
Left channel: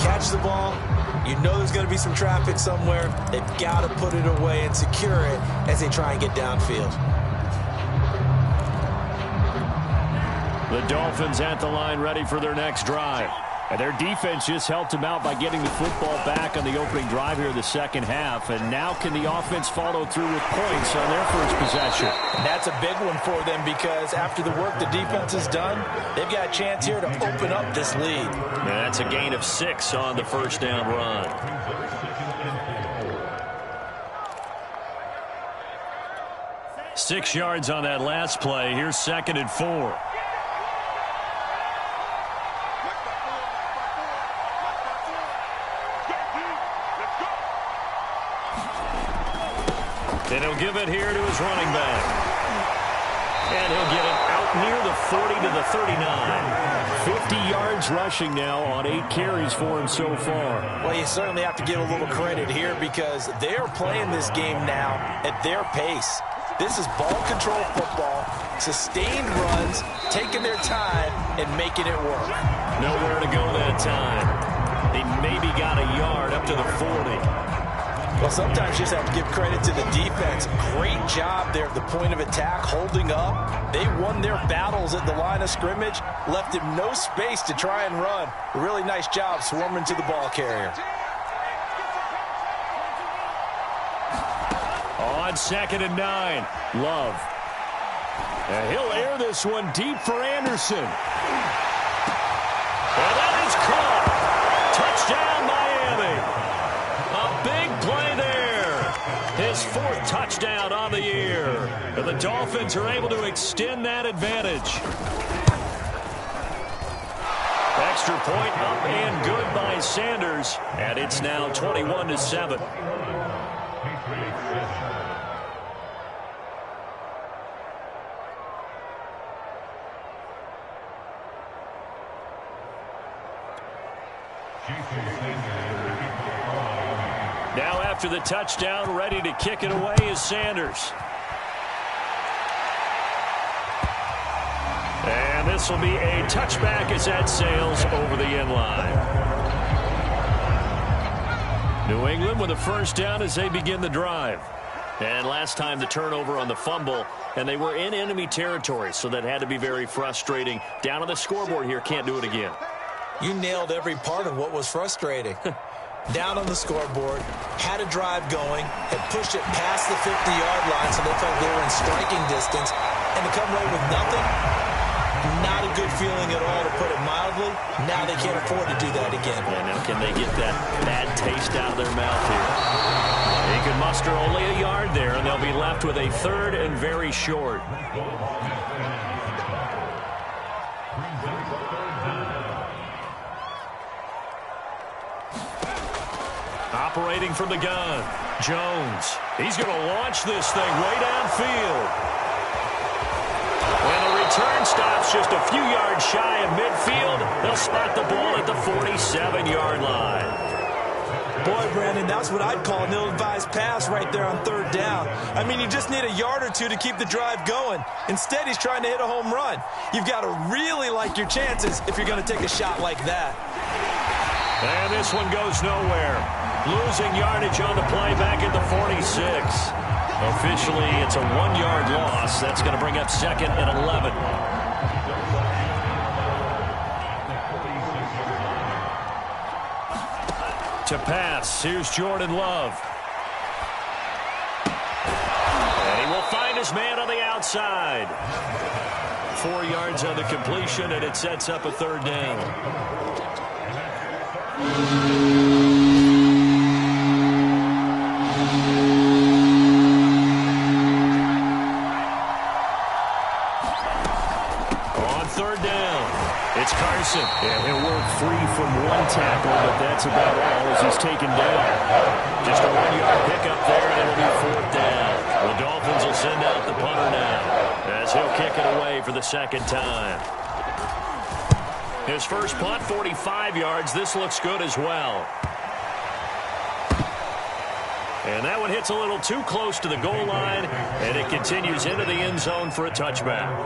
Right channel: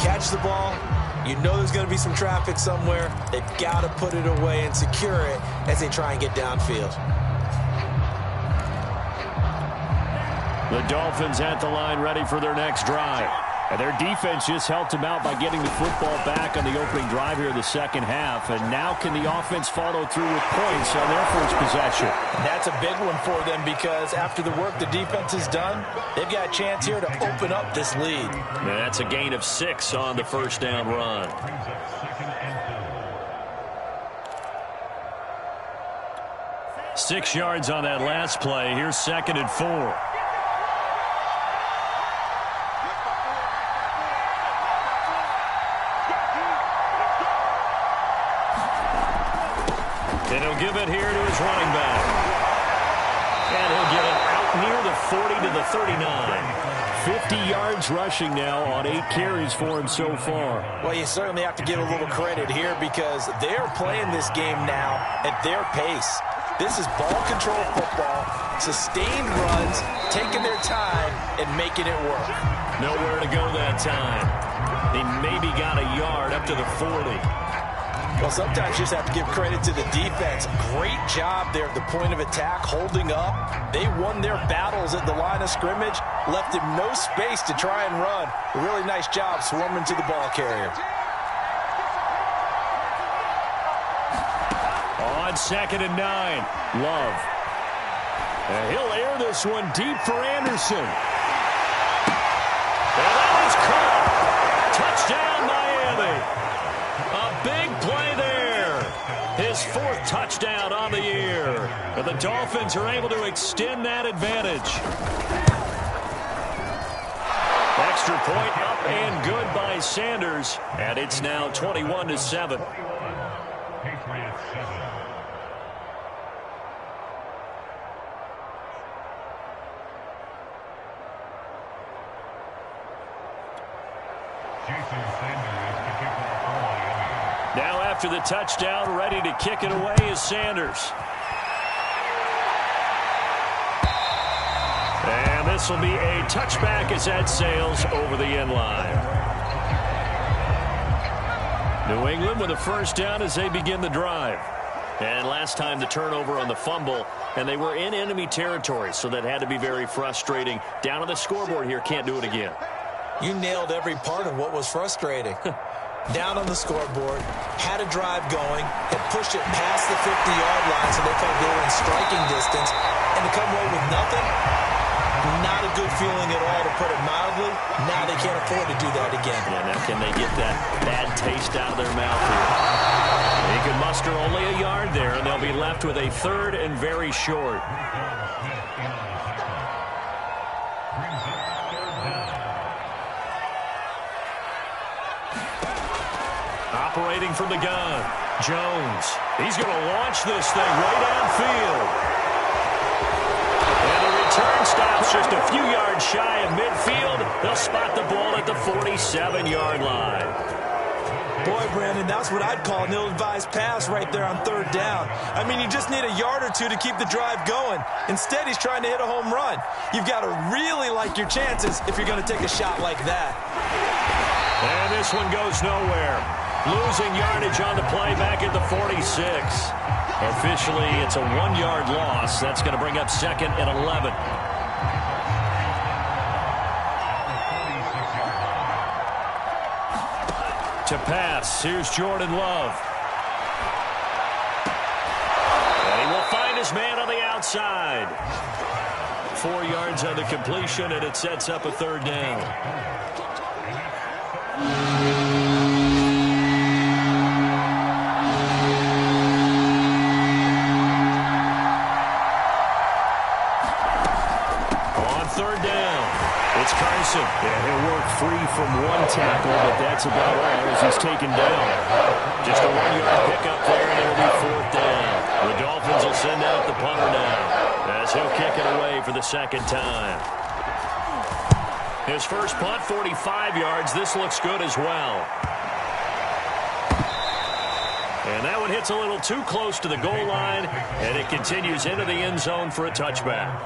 Catch the ball. You know there's going to be some traffic somewhere. They've got to put it away and secure it as they try and get downfield. The Dolphins at the line ready for their next drive. And their defense just helped them out by getting the football back on the opening drive here in the second half. And now can the offense follow through with points on their first possession? And that's a big one for them, because after the work the defense has done, they've got a chance here to open up this lead. And that's a gain of 6 on the first down run. Six yards on that last play. Here's 2nd and 4. And he'll give it here to his running back. And he'll get it out near the 40 to the 39. 50 yards rushing now on 8 carries for him so far. Well, you certainly have to give a little credit here, because they're playing this game now at their pace. This is ball control football, sustained runs, taking their time and making it work. Nowhere to go that time. He maybe got a yard up to the 40. Well, sometimes you just have to give credit to the defense. Great job there at the point of attack, holding up. They won their battles at the line of scrimmage, left him no space to try and run. A really nice job swarming to the ball carrier. On 2nd and 9, Love. And he'll air this one deep for Anderson. And that is caught. Touchdown, Miami. A big play there. His 4th touchdown on the year. And the Dolphins are able to extend that advantage. Extra point up and good by Sanders. And it's now 21-7. Now after the touchdown, ready to kick it away is Sanders. And this will be a touchback as that sails over the end line. New England with a first down as they begin the drive. And last time the turnover on the fumble, and they were in enemy territory, so that had to be very frustrating. Down on the scoreboard here, can't do it again. You nailed every part of what was frustrating. Down on the scoreboard, had a drive going, had pushed it past the 50-yard line so they felt they were in striking distance, and to come away with nothing, not a good feeling at all, to put it mildly. Now they can't afford to do that again. Yeah, now can they get that bad taste out of their mouth here? He could muster only a yard there, and they'll be left with a 3rd and very short. Operating from the gun, Jones. He's going to launch this thing way downfield. And the return stops just a few yards shy of midfield. They'll spot the ball at the 47-yard line. Boy, Brandon, that's what I'd call an ill-advised pass right there on third down. I mean, you just need a yard or two to keep the drive going. Instead, he's trying to hit a home run. You've got to really like your chances if you're going to take a shot like that. And this one goes nowhere. Losing yardage on the play back at the 46. Officially, it's a 1-yard loss. That's going to bring up 2nd and 11. To pass, here's Jordan Love. And he will find his man on the outside. 4 yards on the completion, and it sets up a 3rd down. On 3rd down, it's Carson. And he'll work free from one tackle, but that's about all as he's taken down. Just a 1-yard pickup there, and it'll be 4th down. The Dolphins will send out the punter now, as he'll kick it away for the 2nd time. His first punt, 45 yards. This looks good as well. And that one hits a little too close to the goal line, and it continues into the end zone for a touchback.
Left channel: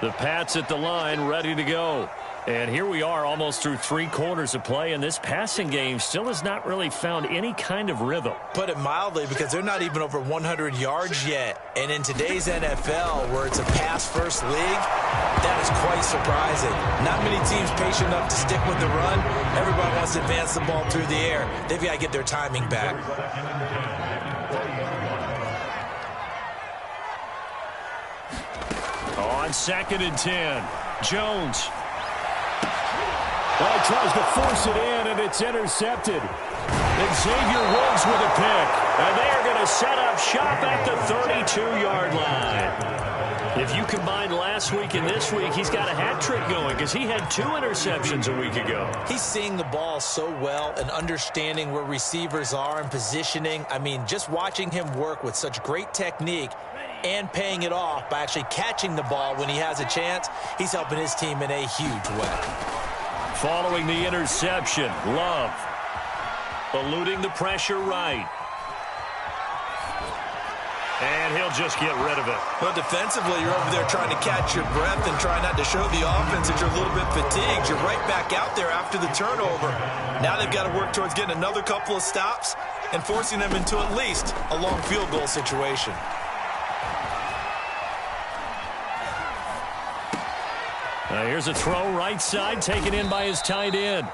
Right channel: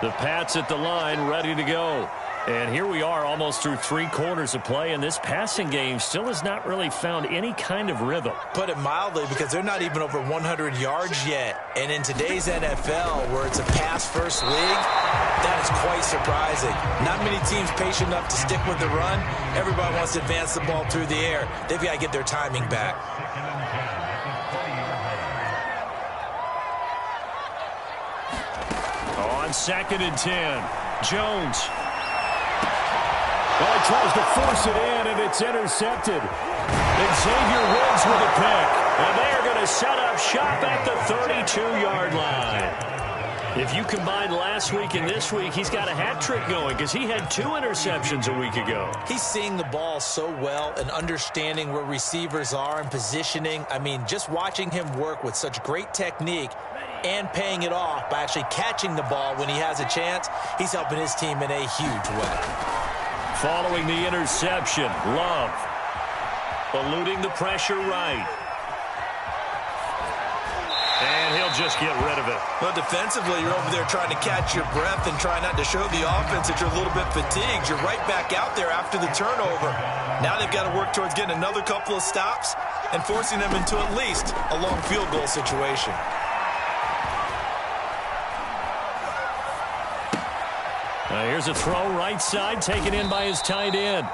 The Pats at the line, ready to go. And here we are almost through 3 quarters of play, and this passing game still has not really found any kind of rhythm. Put it mildly, because they're not even over 100 yards yet. And in today's NFL, where it's a pass-first league, that is quite surprising. Not many teams patient enough to stick with the run. Everybody wants to advance the ball through the air. They've got to get their timing back. On 2nd and 10, Jones. Well, he tries to force it in, and it's intercepted. Xavier Woods with a pick. And they are going to set up shop at the 32-yard line. If you combine last week and this week, he's got a hat trick going because he had 2 interceptions a week ago. He's seeing the ball so well and understanding where receivers are and positioning. I mean, just watching him work with such great technique and paying it off by actually catching the ball when he has a chance, he's helping his team in a huge way. Following the interception, Love eluding the pressure right. And he'll just get rid of it. But defensively, you're over there trying to catch your breath and try not to show the offense that you're a little bit fatigued. You're right back out there after the turnover. Now they've got to work towards getting another couple of stops and forcing them into at least a long field goal situation. Now here's a throw right side, taken in by his tight end.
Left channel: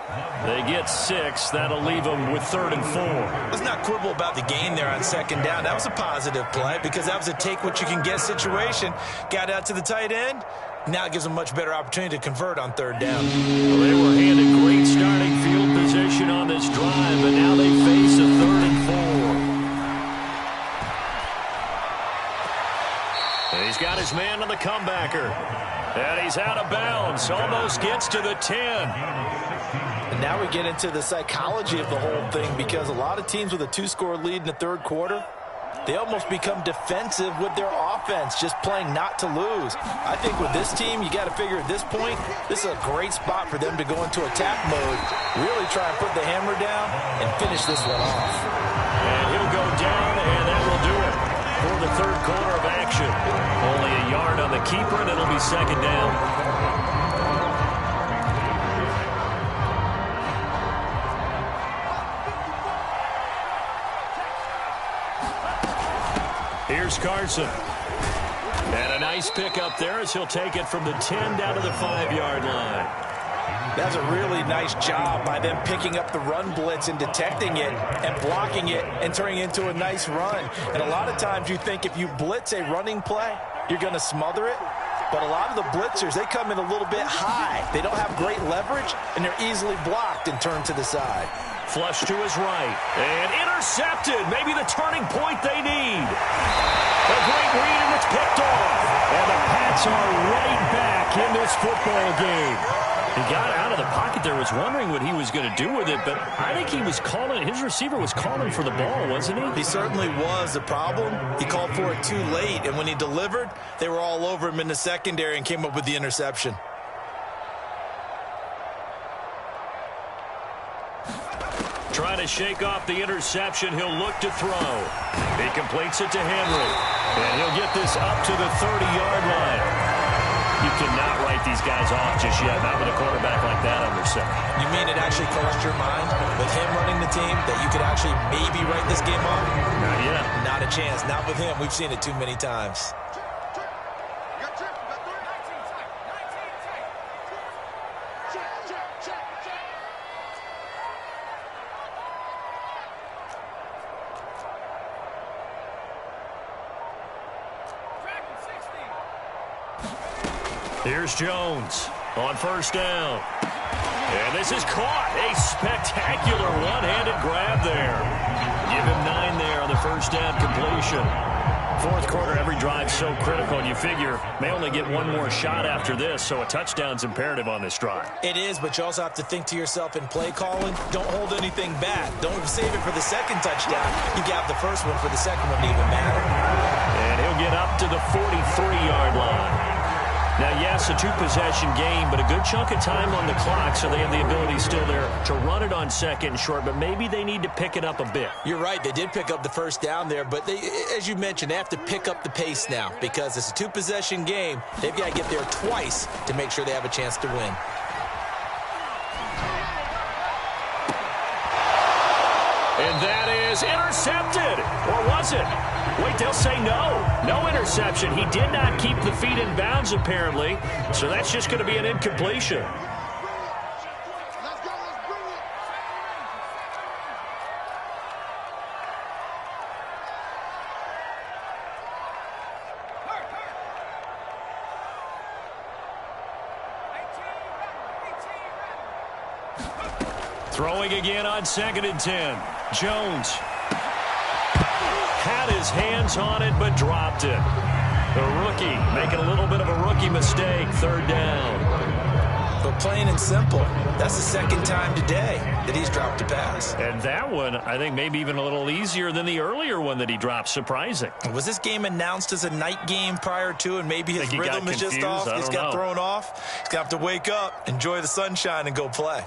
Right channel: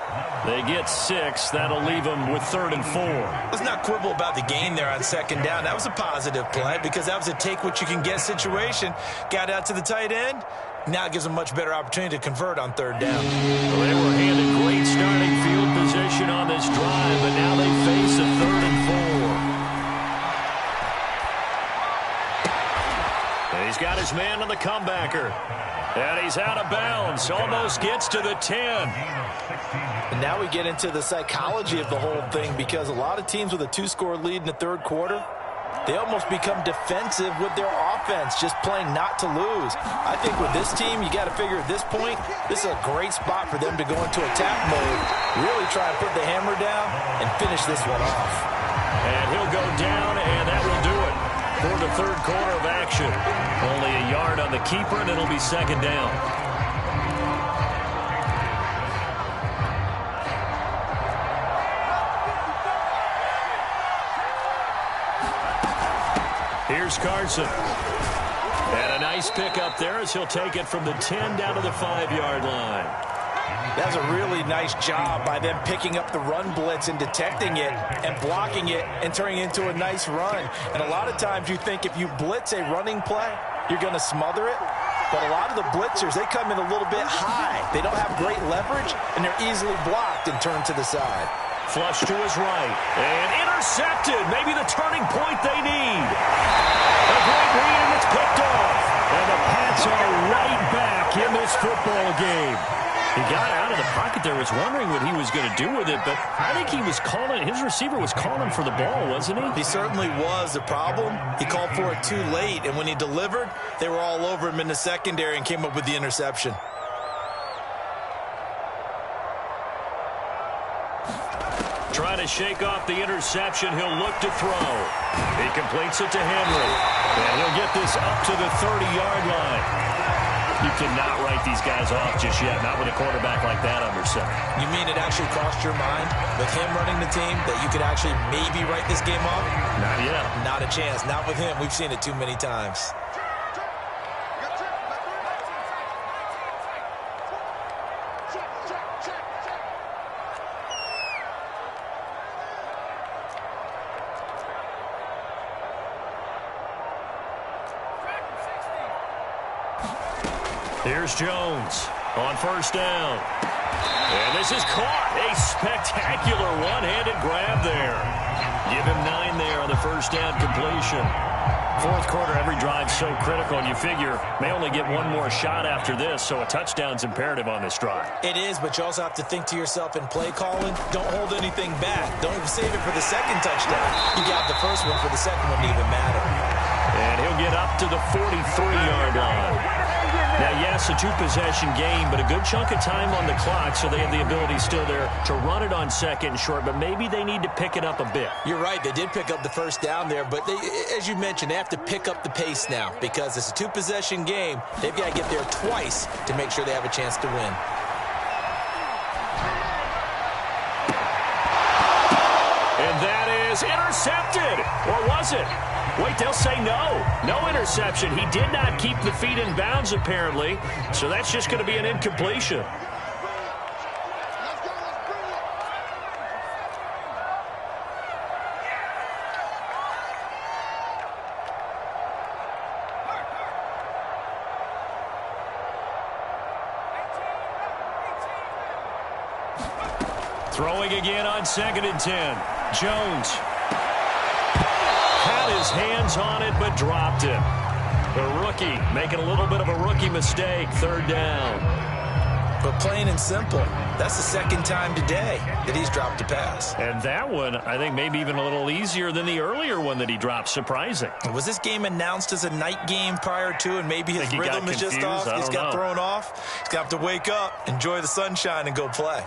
They get 6. That'll leave them with 3rd and 4. Let's not quibble about the gain there on 2nd down. That was a positive play because that was a take-what-you-can-get situation. Got out to the tight end. Now it gives them a much better opportunity to convert on 3rd down. Well, they were handed great starting field position on this drive, but now they face a 3rd and 4. He's got his man on the comebacker. And he's out of bounds. Almost gets to the 10. And now we get into the psychology of the whole thing, because a lot of teams with a 2-score lead in the 3rd quarter, they almost become defensive with their offense, just playing not to lose. I think with this team, you got to figure at this point, this is a great spot for them to go into attack mode, really try and put the hammer down and finish this one off. And he'll go down, and that will do it for the 3rd quarter of action. Only a yard on the keeper, and it'll be 2nd down. Here's Carson. And a nice pick up there as he'll take it from the 10 down to the 5-yard line. That's a really nice job by them picking up the run blitz and detecting it and blocking it and turning it into a nice run. And a lot of times you think if you blitz a running play, you're going to smother it. But a lot of the blitzers, they come in a little bit high. They don't have great leverage, and they're easily blocked and turned to the side. Flush to his right. And intercepted. Maybe the turning point they need. A great read, and it's picked off. And the Pats are right back in this football game. He got out of the pocket there, was wondering what he was going to do with it, but I think he was calling, his receiver was calling for the ball, wasn't he? He certainly was. The problem, he called for it too late, and when he delivered, they were all over him in the secondary and came up with the interception. Trying to shake off the interception, he'll look to throw. He completes it to Henry, and he'll get this up to the 30-yard line. You cannot write these guys off just yet, not with a quarterback like that under center. You mean it actually crossed your mind with him running the team that you could actually maybe write this game off? Not yet. Not a chance. Not with him. We've seen it too many times. Here's Jones on first down. And this is caught. A spectacular one-handed grab there. Give him 9 there on the first down completion. Fourth quarter, every drive so critical, and you figure may only get one more shot after this, so a touchdown's imperative on this drive. It is, but you also have to think to yourself in play calling, don't hold anything back. Don't save it for the second touchdown. You got the first one for the second one to even matter. And he'll get up to the 43-yard line. Now, yes, a 2-possession game, but a good chunk of time on the clock, so they have the ability still there to run it on second and short, but maybe they need to pick it up a bit. You're right. They did pick up the first down there, but they, as you mentioned, they have to pick up the pace now because it's a 2-possession game. They've got to get there twice to make sure they have a chance to win. And that is intercepted. Or was it? Wait, they'll say no. No interception. He did not keep the feet in bounds, apparently. So that's just going to be an incompletion. Throwing again on 2nd and 10. Jones had his hands on it, but dropped it. The rookie making a little bit of a rookie mistake. 3rd down. But plain and simple, that's the second time today that he's dropped a pass. And that one, I think, maybe even a little easier than the earlier one that he dropped. Surprising. Was this game announced as a night game prior to, and maybe his rhythm is just off? He's got thrown off. He's going to have to wake up, enjoy the sunshine, and go play.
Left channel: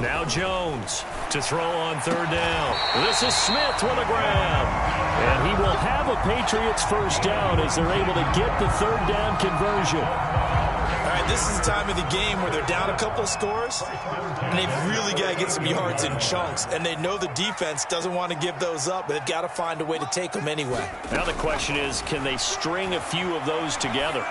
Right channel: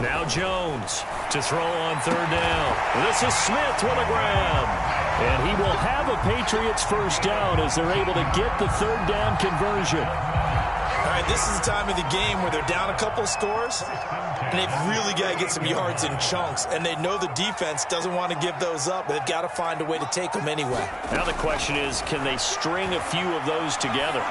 Now Jones to throw on 3rd down. This is Smith with a grab. And he will have a Patriots first down as they're able to get the 3rd down conversion. All right, this is the time of the game where they're down a couple scores, and they've really got to get some yards in chunks. And they know the defense doesn't want to give those up, but they've got to find a way to take them anyway. Now the question is, can they string a few of those together?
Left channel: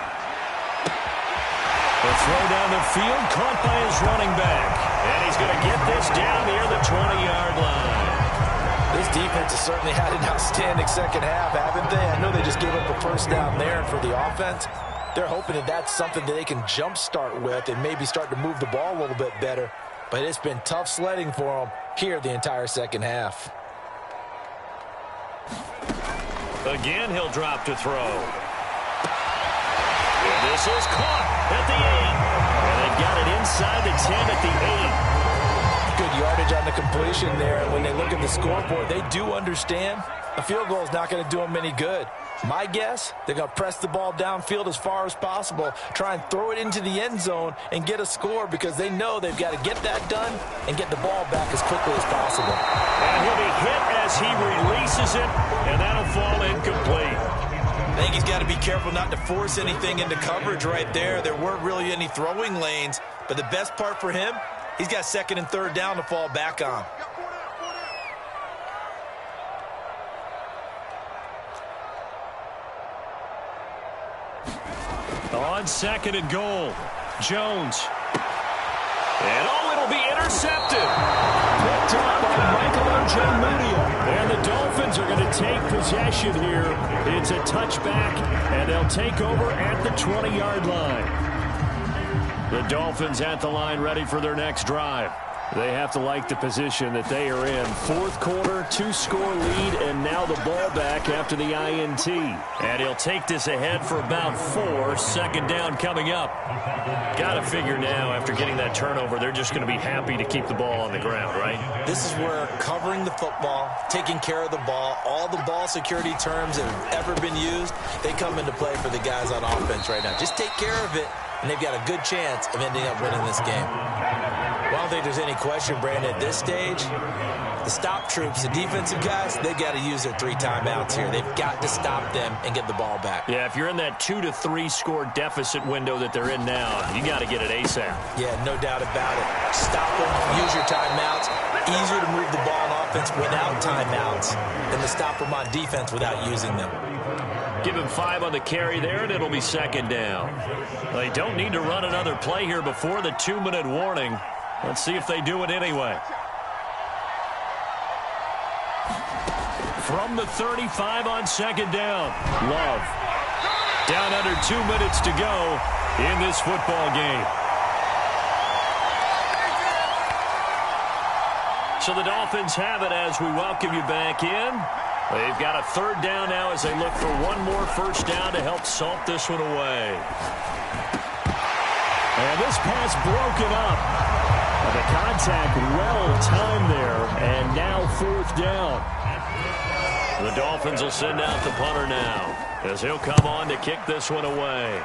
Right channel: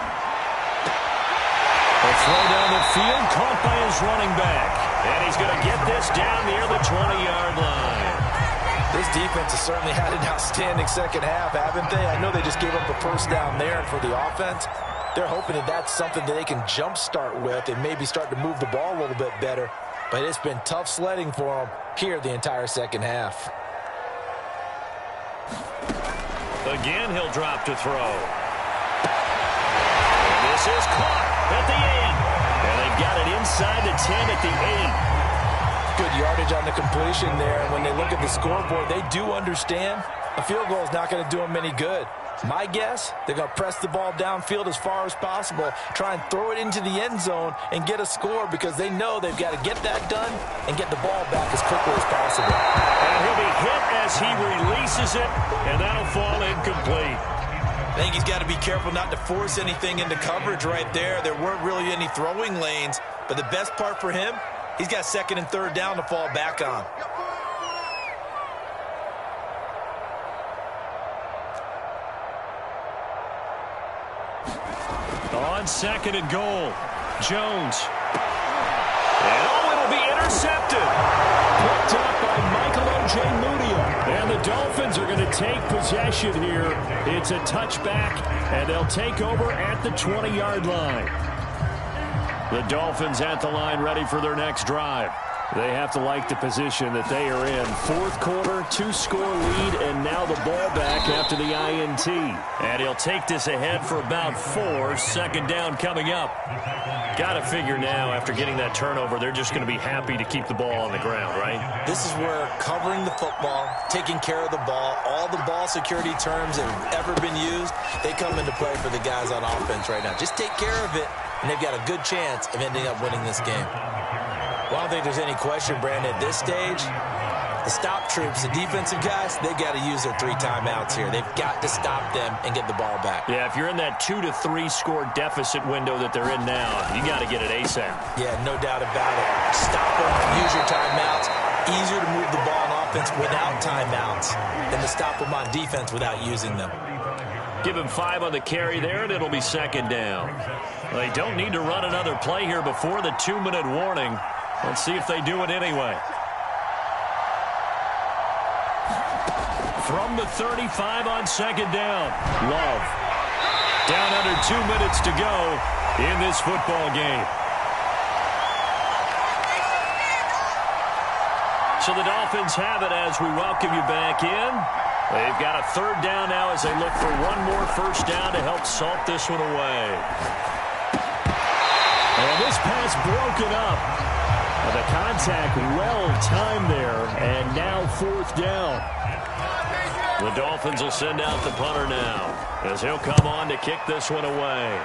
A throw down the field, caught by his running back. And he's going to get this down near the 20-yard line. This defense has certainly had an outstanding second half, haven't they? I know they just gave up a first down there, and for the offense, they're hoping that that's something that they can jumpstart with and maybe start to move the ball a little bit better. But it's been tough sledding for them here the entire second half. Again, he'll drop to throw. And this is caught at the 8. And they've got it inside the 10 at the 8. Good yardage on the completion there. And when they look at the scoreboard, they do understand a field goal is not going to do them any good. My guess, they're going to press the ball downfield as far as possible, try and throw it into the end zone and get a score because they know they've got to get that done and get the ball back as quickly as possible. And he'll be hit as he releases it, and that'll fall incomplete. I think he's got to be careful not to force anything into coverage right there. There weren't really any throwing lanes, but the best part for him, he's got 2nd and 3rd down to fall back on. On 2nd and goal, Jones. And it'll be intercepted. Picked up by Michael Ojemudia. And the Dolphins are going to take possession here. It's a touchback, and they'll take over at the 20-yard line. The Dolphins at the line ready for their next drive. They have to like the position that they are in. Fourth quarter, 2-score lead, and now the ball back after the INT. And he'll take this ahead for about 4. Second down coming up. Got to figure now, after getting that turnover, they're just going to be happy to keep the ball on the ground, right? This is where covering the football, taking care of the ball, all the ball security terms that have ever been used, they come into play for the guys on offense right now. Just take care of it, and they've got a good chance of ending up winning this game. Well, I don't think there's any question, Brandon, at this stage, the stop troops, the defensive guys, they got to use their 3 timeouts here. They've got to stop them and get the ball back. Yeah, if you're in that 2 to 3 score deficit window that they're in now, you got to get it ASAP. Yeah, no doubt about it. Stop them, use your timeouts. Easier to move the ball on offense without timeouts than to stop them on defense without using them. Give him 5 on the carry there, and it'll be second down. Well, they don't need to run another play here before the 2-minute warning. Let's see if they do it anyway. From the 35 on second down, Love. Down under 2 minutes to go in this football game. So the Dolphins have it as we welcome you back in. They've got a third down now as they look for one more first down to help salt this one away. And this pass broken up. The contact well timed there, and now fourth down. The Dolphins will send out the punter now as he'll come on to kick this one away.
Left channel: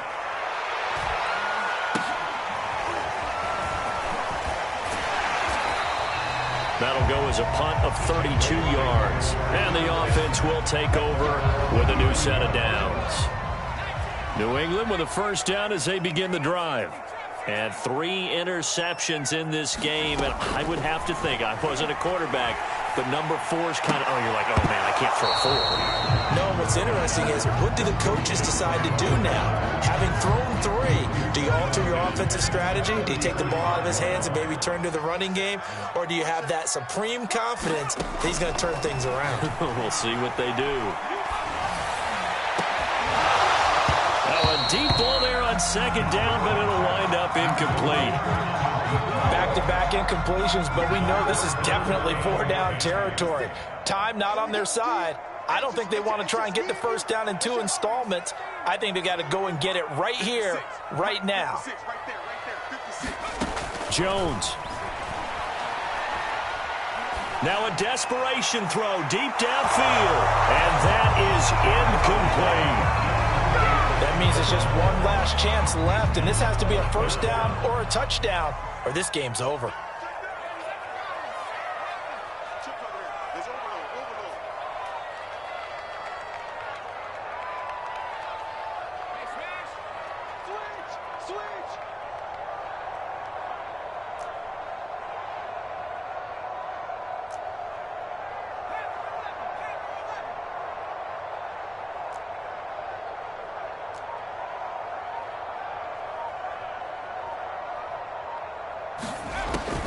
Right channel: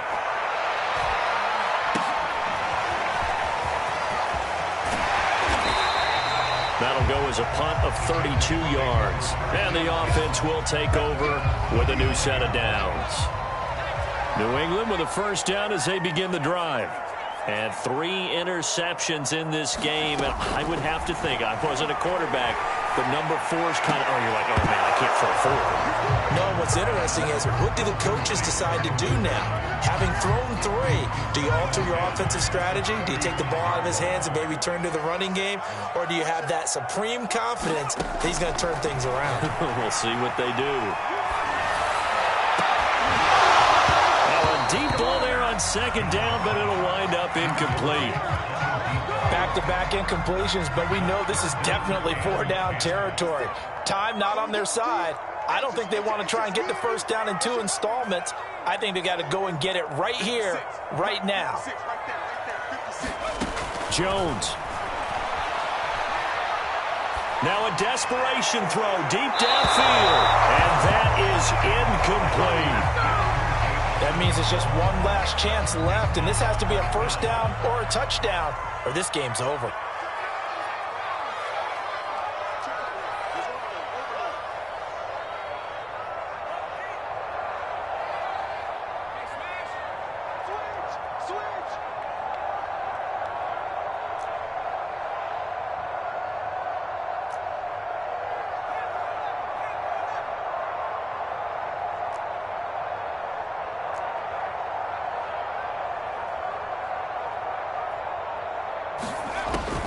That'll go as a punt of 32 yards. And the offense will take over with a new set of downs. New England with a first down as they begin the drive. And 3 interceptions in this game. And I would have to think, I wasn't a quarterback, but number 4 is kind of, oh, you're like, oh, man, I can't throw 4. No, and what's interesting is, what do the coaches decide to do now? Having thrown 3, do you alter your offensive strategy? Do you take the ball out of his hands and maybe turn to the running game? Or do you have that supreme confidence that he's going to turn things around? We'll see what they do. Now, a deep ball there on second down, but it'll wind up incomplete. Back-to-back incompletions, but we know this is definitely 4-down territory. Time not on their side. I don't think they want to try and get the first down in 2 installments. I think they got to go and get it right here, right now. Jones. Now a desperation throw deep downfield, and that is incomplete. That means it's just one last chance left, and this has to be a first down or a touchdown, or this game's over.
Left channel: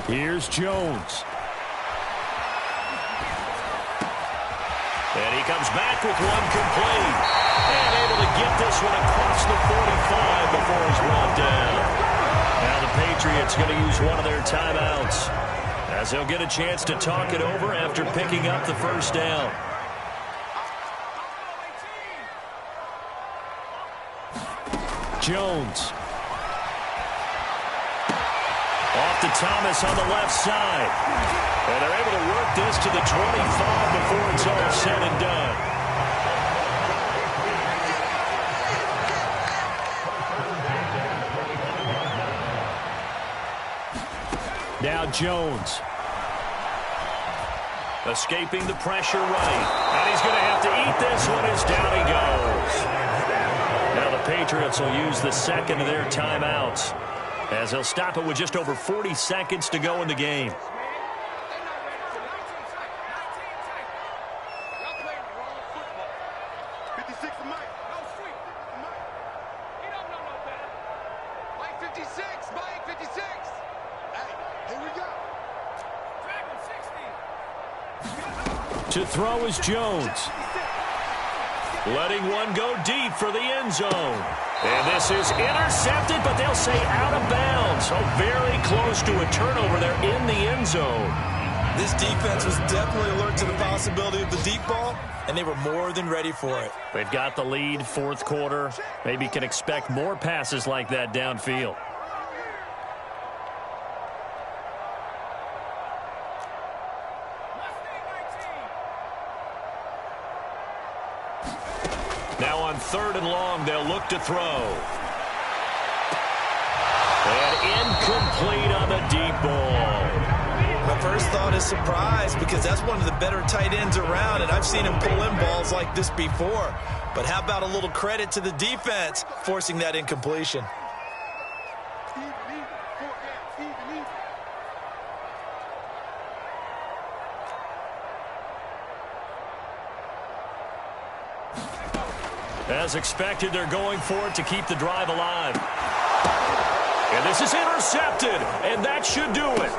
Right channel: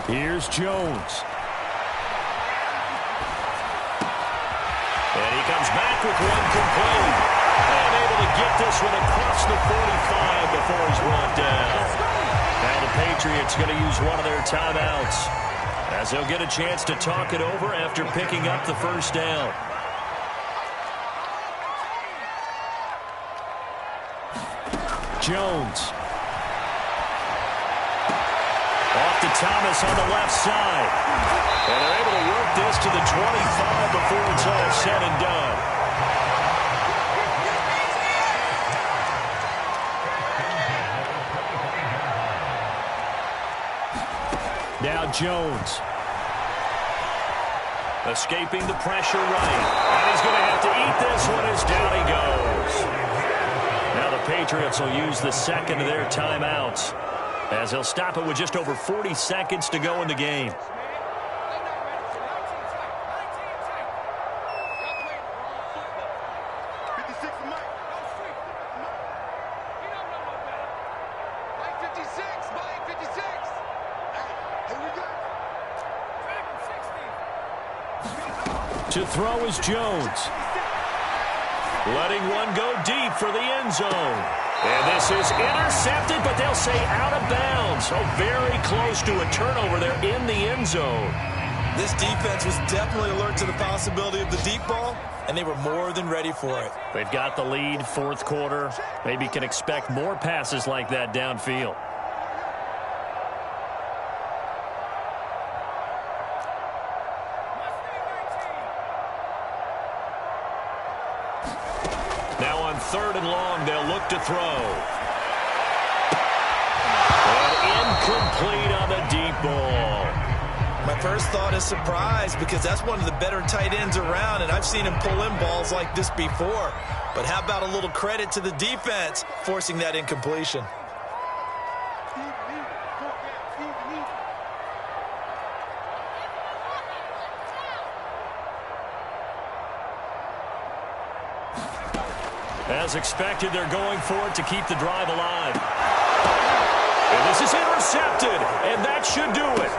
Here's Jones. And he comes back with one complete. And able to get this one across the 45 before he's brought down. Now the Patriots going to use one of their timeouts, as they'll get a chance to talk it over after picking up the first down. Jones. Off to Thomas on the left side. And they're able to work this to the 25 before it's all said and done. Now Jones. Escaping the pressure right. And he's going to have to eat this one as down he goes. Now the Patriots will use the second of their timeouts, as they'll stop it with just over 40 seconds to go in the game. To throw is Jones. Letting one go deep for the end zone. And this is intercepted, but they'll say out of bounds. So very close to a turnover there in the end zone. This defense was definitely alert to the possibility of the deep ball, and they were more than ready for it. They've got the lead, fourth quarter. Maybe can expect more passes like that downfield. Now on 3rd and long, they'll look to throw. And incomplete on the deep ball. My first thought is surprise, because that's one of the better tight ends around, and I've seen him pull in balls like this before. But how about a little credit to the defense forcing that incompletion? As expected, they're going for it to keep the drive alive. And this is intercepted, and that should do it.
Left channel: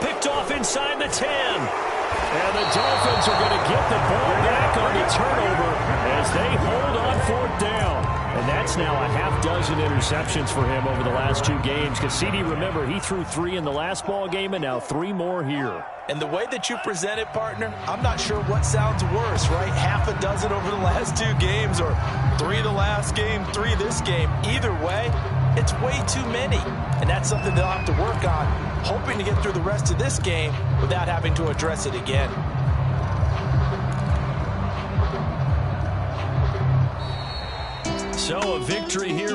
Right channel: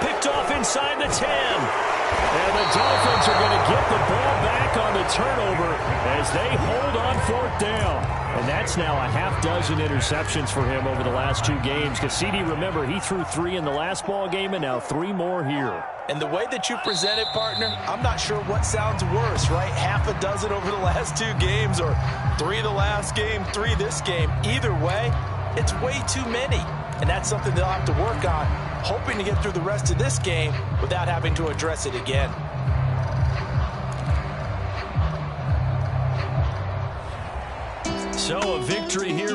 Picked off inside the 10. And the Dolphins are going to get the ball back on the turnover as they hold on 4th down. And that's now a half dozen interceptions for him over the last 2 games. Because CD, remember, he threw 3 in the last ball game and now 3 more here. And the way that you present it, partner, I'm not sure what sounds worse, right? Half a dozen over the last 2 games, or 3 the last game, 3 this game. Either way, it's way too many. And that's something they'll have to work on, hoping to get through the rest of this game without having to address it again. So a victory here